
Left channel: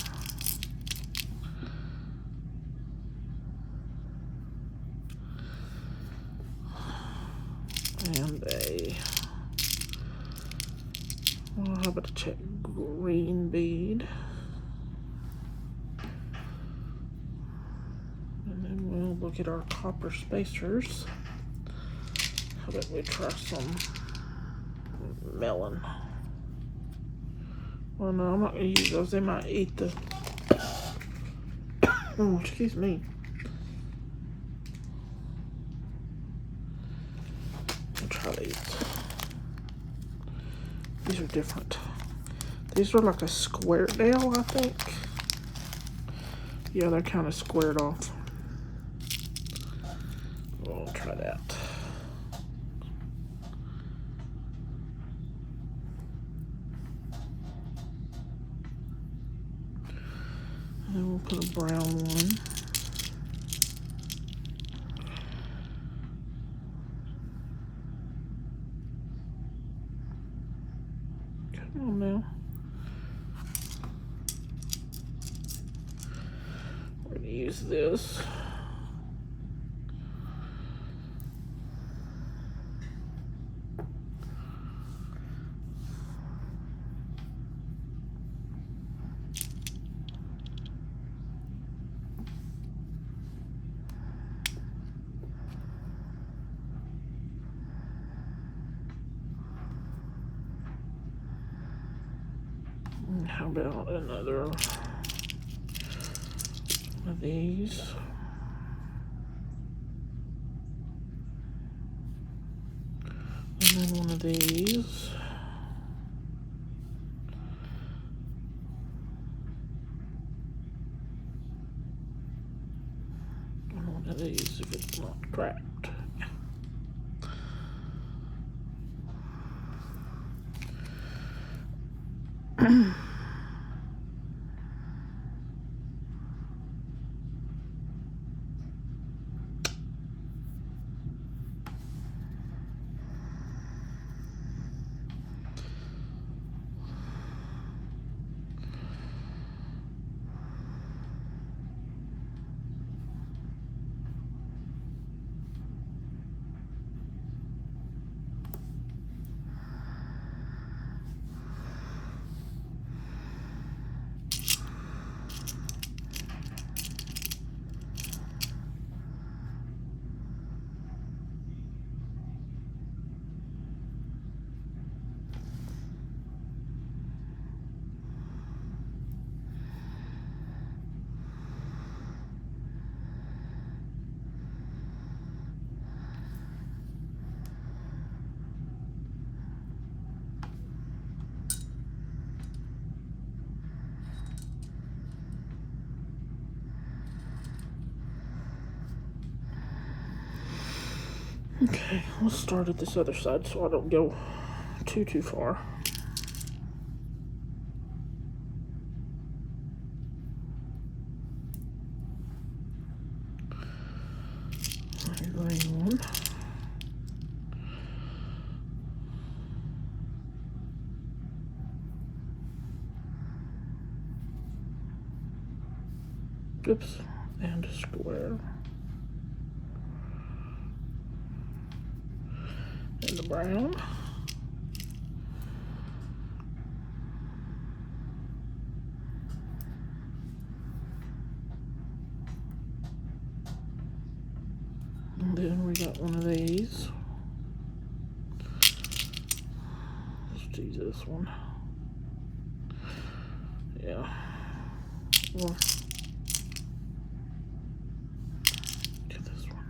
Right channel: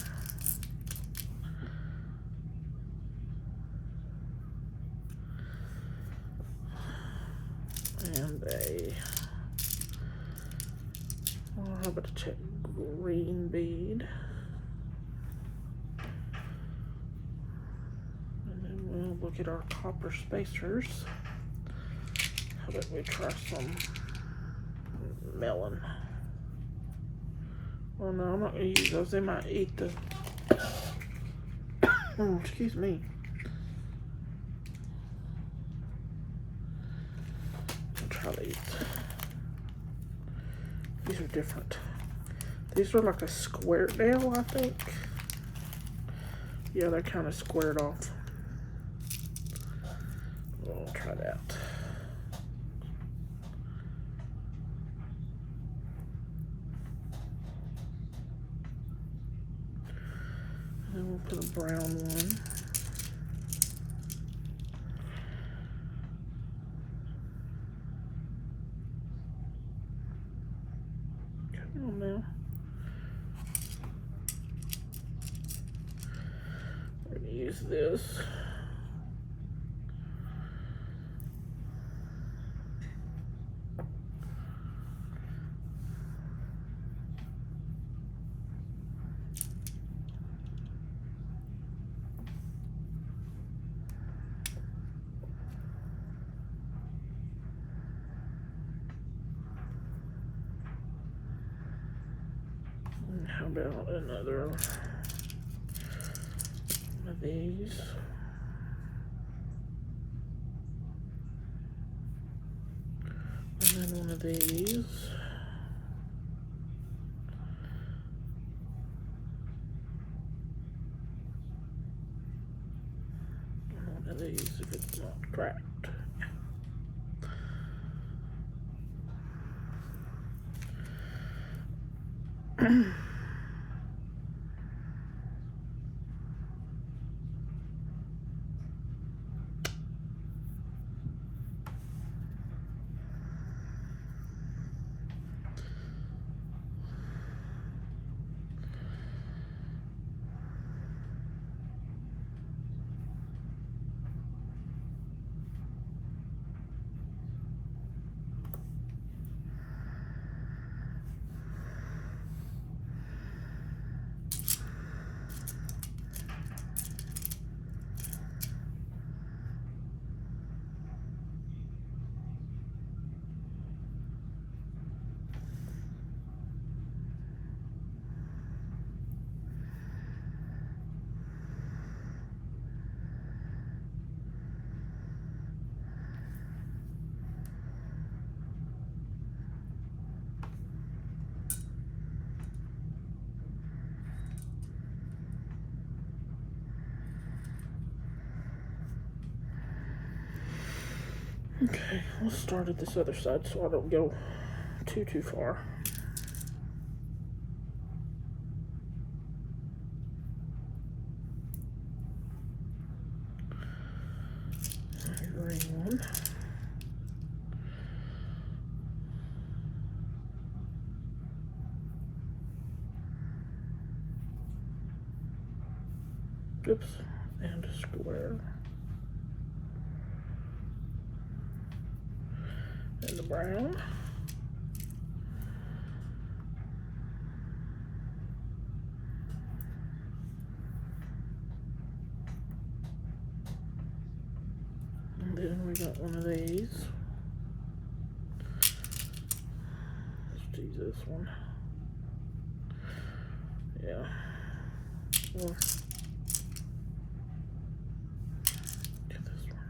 And how about a check green bead. And then we'll look at our copper spacers. How about we try some melon? Well, no, I'm not going to use those. They might eat the... Oh, excuse me. I'll try these. These are different. These are like a square nail, I think. Yeah, they're kind of squared off. We'll try that. And then we'll put a brown one. Come on now. We're going to use this. How about another of these? And then one of these. And one of these if it's not cracked. Okay, let's start at this other side so I don't go too far. Green one. Oops, and a square. And the brown. And then we got one of these. Let's do this one. Yeah. Well, get this one.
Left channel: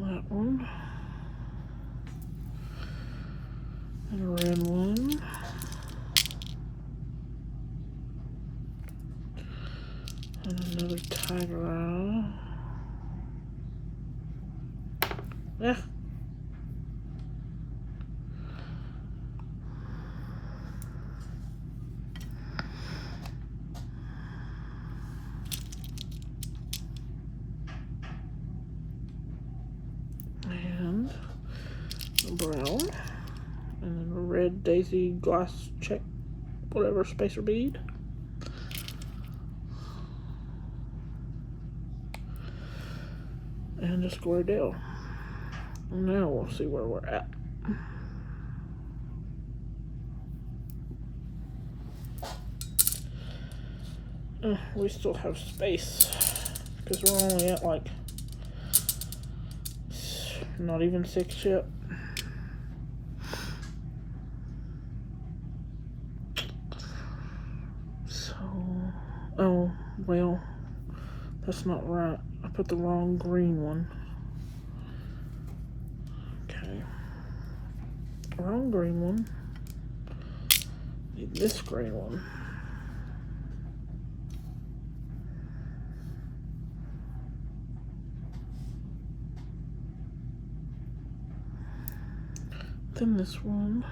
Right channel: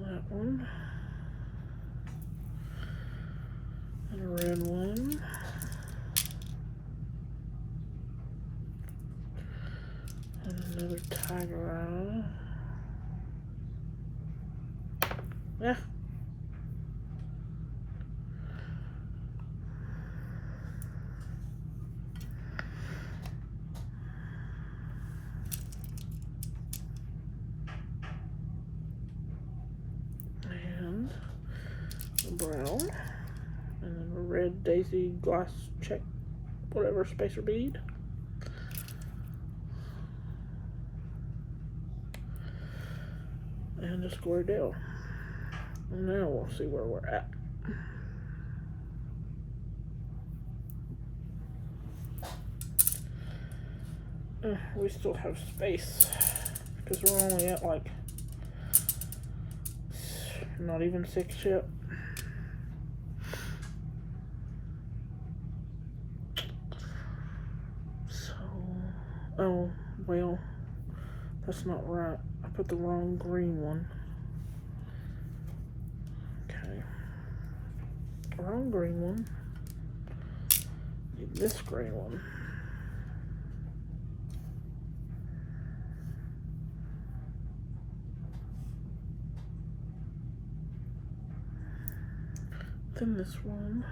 That one. And a red one. And another tiger eye. Yeah. And a brown. And then a red daisy glass check, whatever, spacer bead. And a square deal. Now we'll see where we're at. We still have space because we're only at like not even 6 yet. So, oh well, that's not right. I put the wrong green one. Okay, wrong green one. Need this green one. Then this one.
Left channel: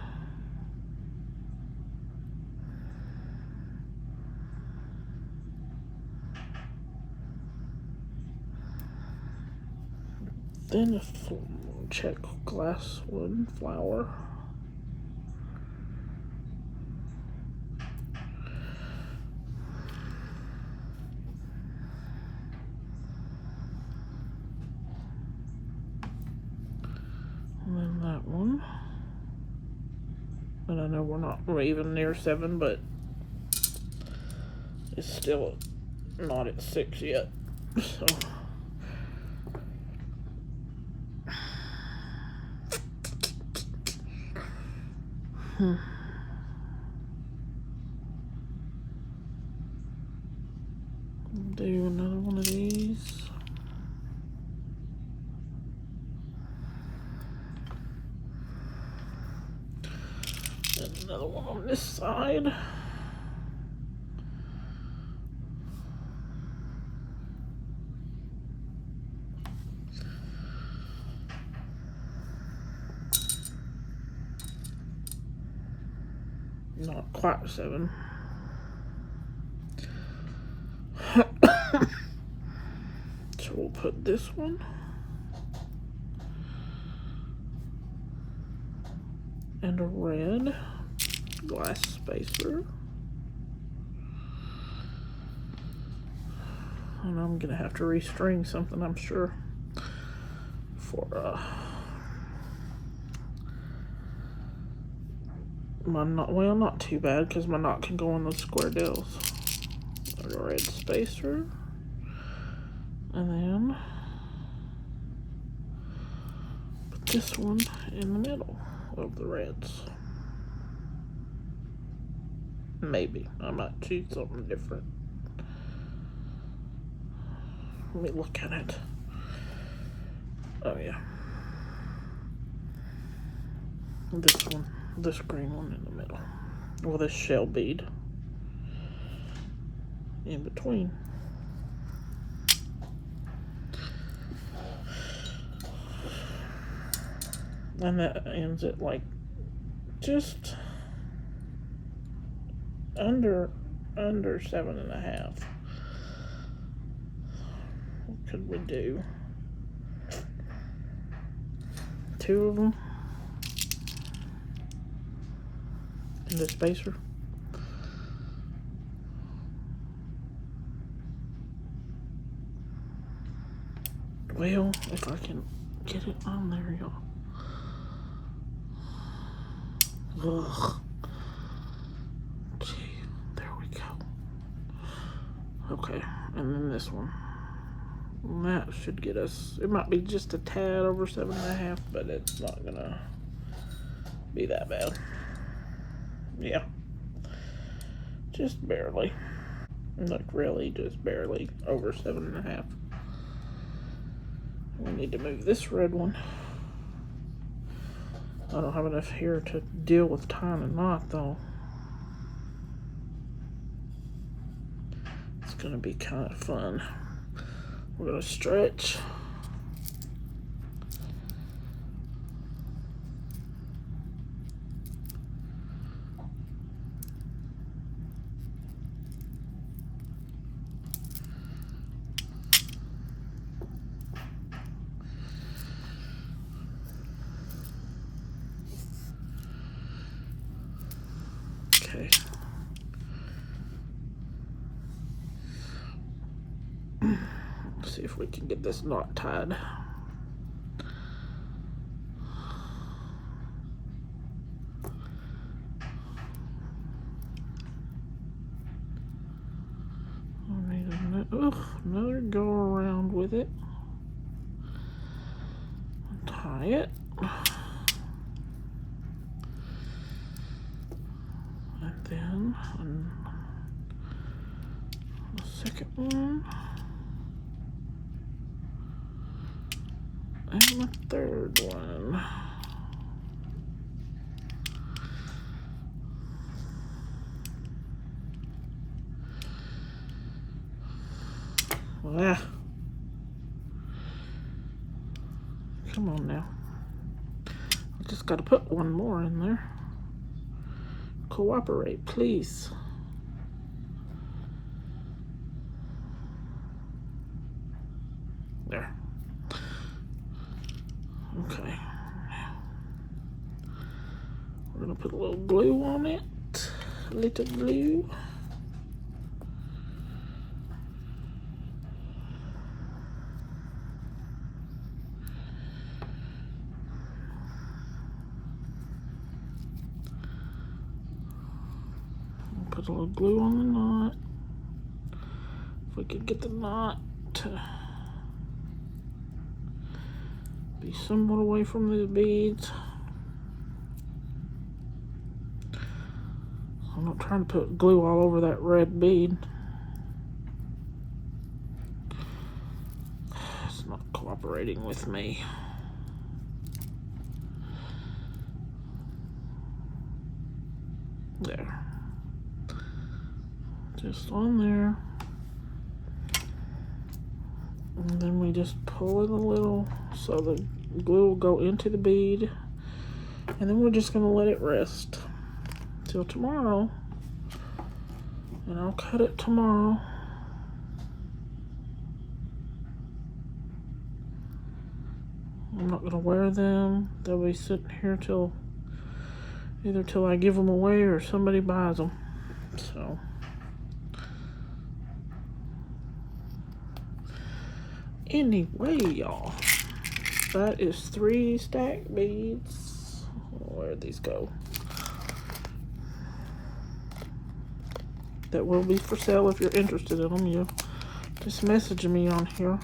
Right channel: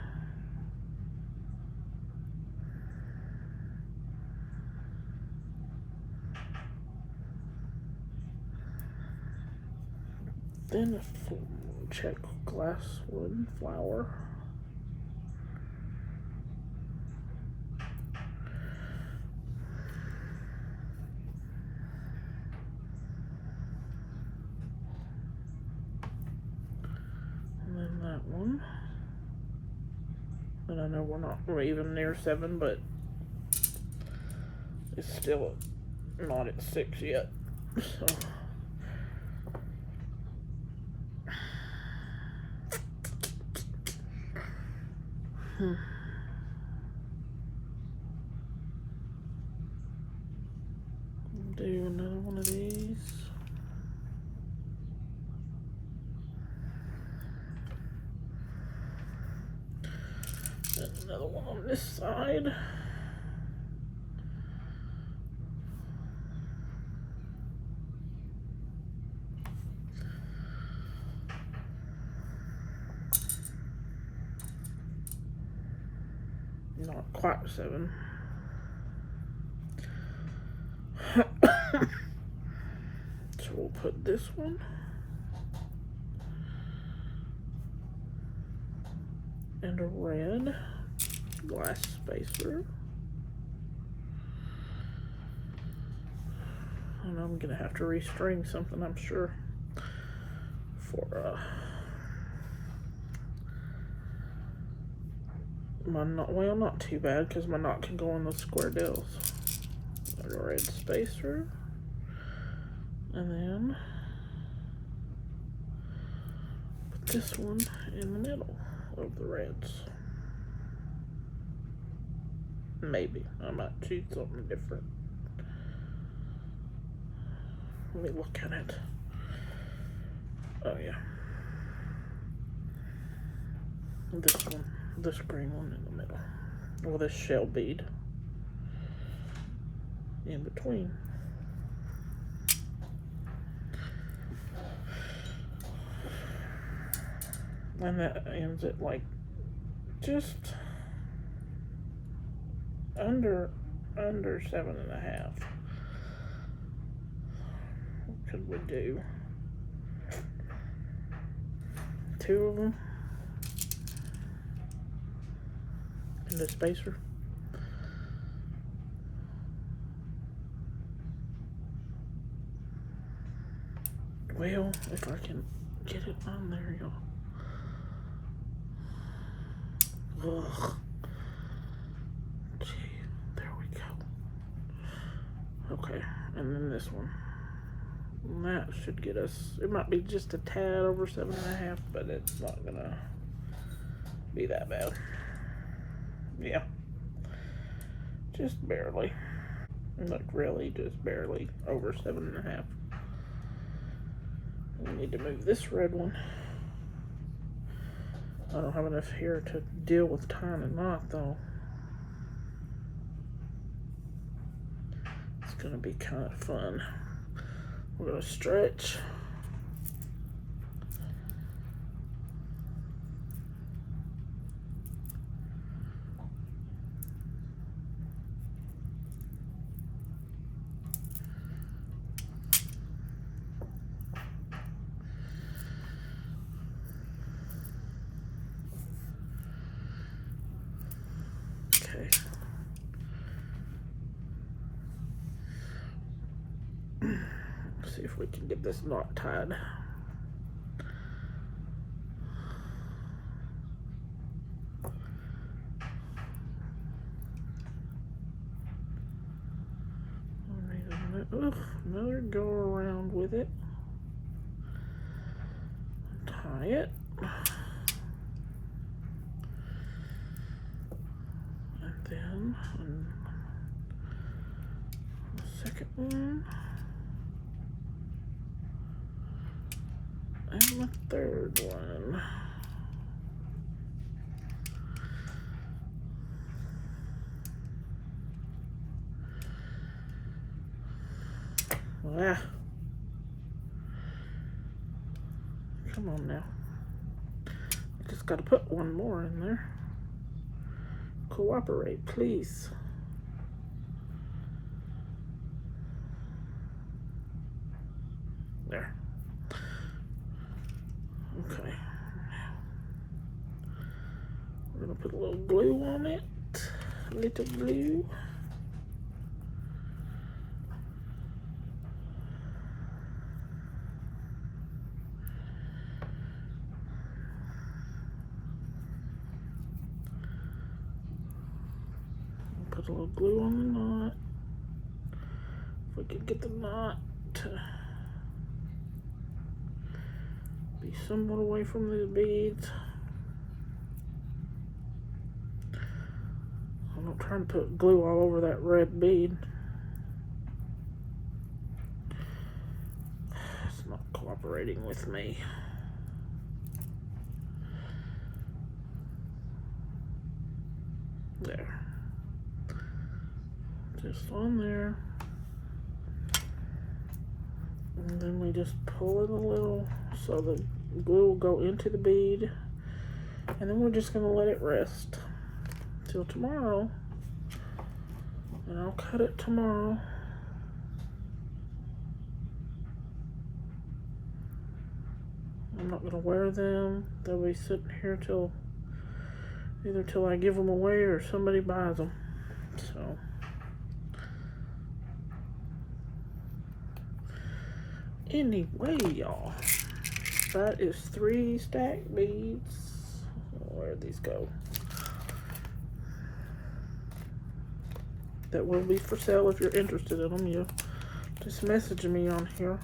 Then a check glass wood flower. And then that one. And I know we're even near 7, but it's still not at 6 yet. So. Do another one of these. And another one on this side. Not quite 7. So we'll put this one. And a red glass spacer. And I'm gonna have to restring something, I'm sure, for my knot. Well, not too bad because my knot can go in those square deals. A red spacer, and then put this one in the middle of the reds. Maybe I might choose something different. Let me look at it. Oh yeah, this one, this green one in the middle, with a shell bead in between. And that ends at like just under 7.5. What could we do? 2 of them and a spacer. Well, if I can get it on there, y'all. Ugh. Gee, there we go. Okay, and then this one. And that should get us, it might be just a tad over 7.5, but it's not gonna be that bad. Yeah. Just barely. Like really just barely over 7.5. We need to move this red one. I don't have enough here to deal with tying a knot though. It's gonna be kind of fun. We're gonna stretch. Okay. Let's see if we can get this knot tied. Another go around with it. Tie it. And then the second one. And the third one. Ah. Come on now. I just got to put one more in there. Cooperate, please. There. Okay. We're going to put a little glue on it. A little glue. Put a little glue on the knot. If we could get the knot to be somewhat away from the beads. I'm not trying to put glue all over that red bead. It's not cooperating with me. There. Just on there. And then we just pull it a little so the glue will go into the bead. And then we're just going to let it rest till tomorrow. And I'll cut it tomorrow. I'm not going to wear them. They'll be sitting here till either till I give them away or somebody buys them. So anyway, y'all, that is 3 stack beads. Where'd these go? That will be for sale. If you're interested in them, you just message me on here,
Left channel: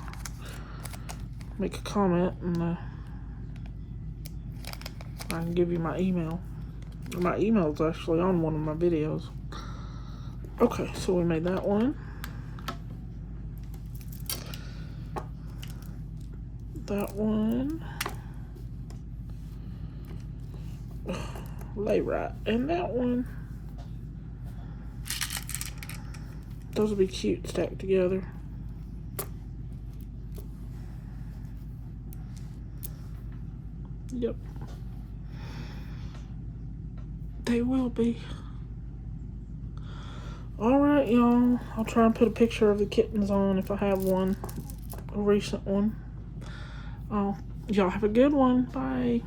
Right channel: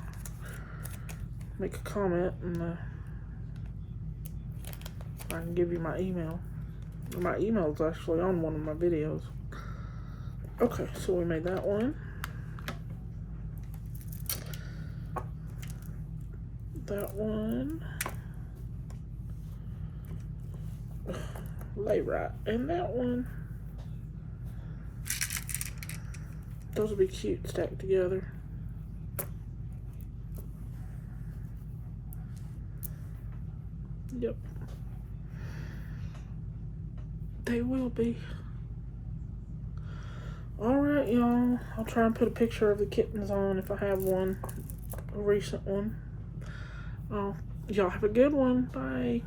make a comment, and I can give you my email. My email is actually on one of my videos. Okay, so we made that one. That one. Lay right. And that one. Those will be cute stacked together. Yep. They will be. Alright, y'all. I'll try and put a picture of the kittens on if I have one. A recent one. Y'all have a good one. Bye.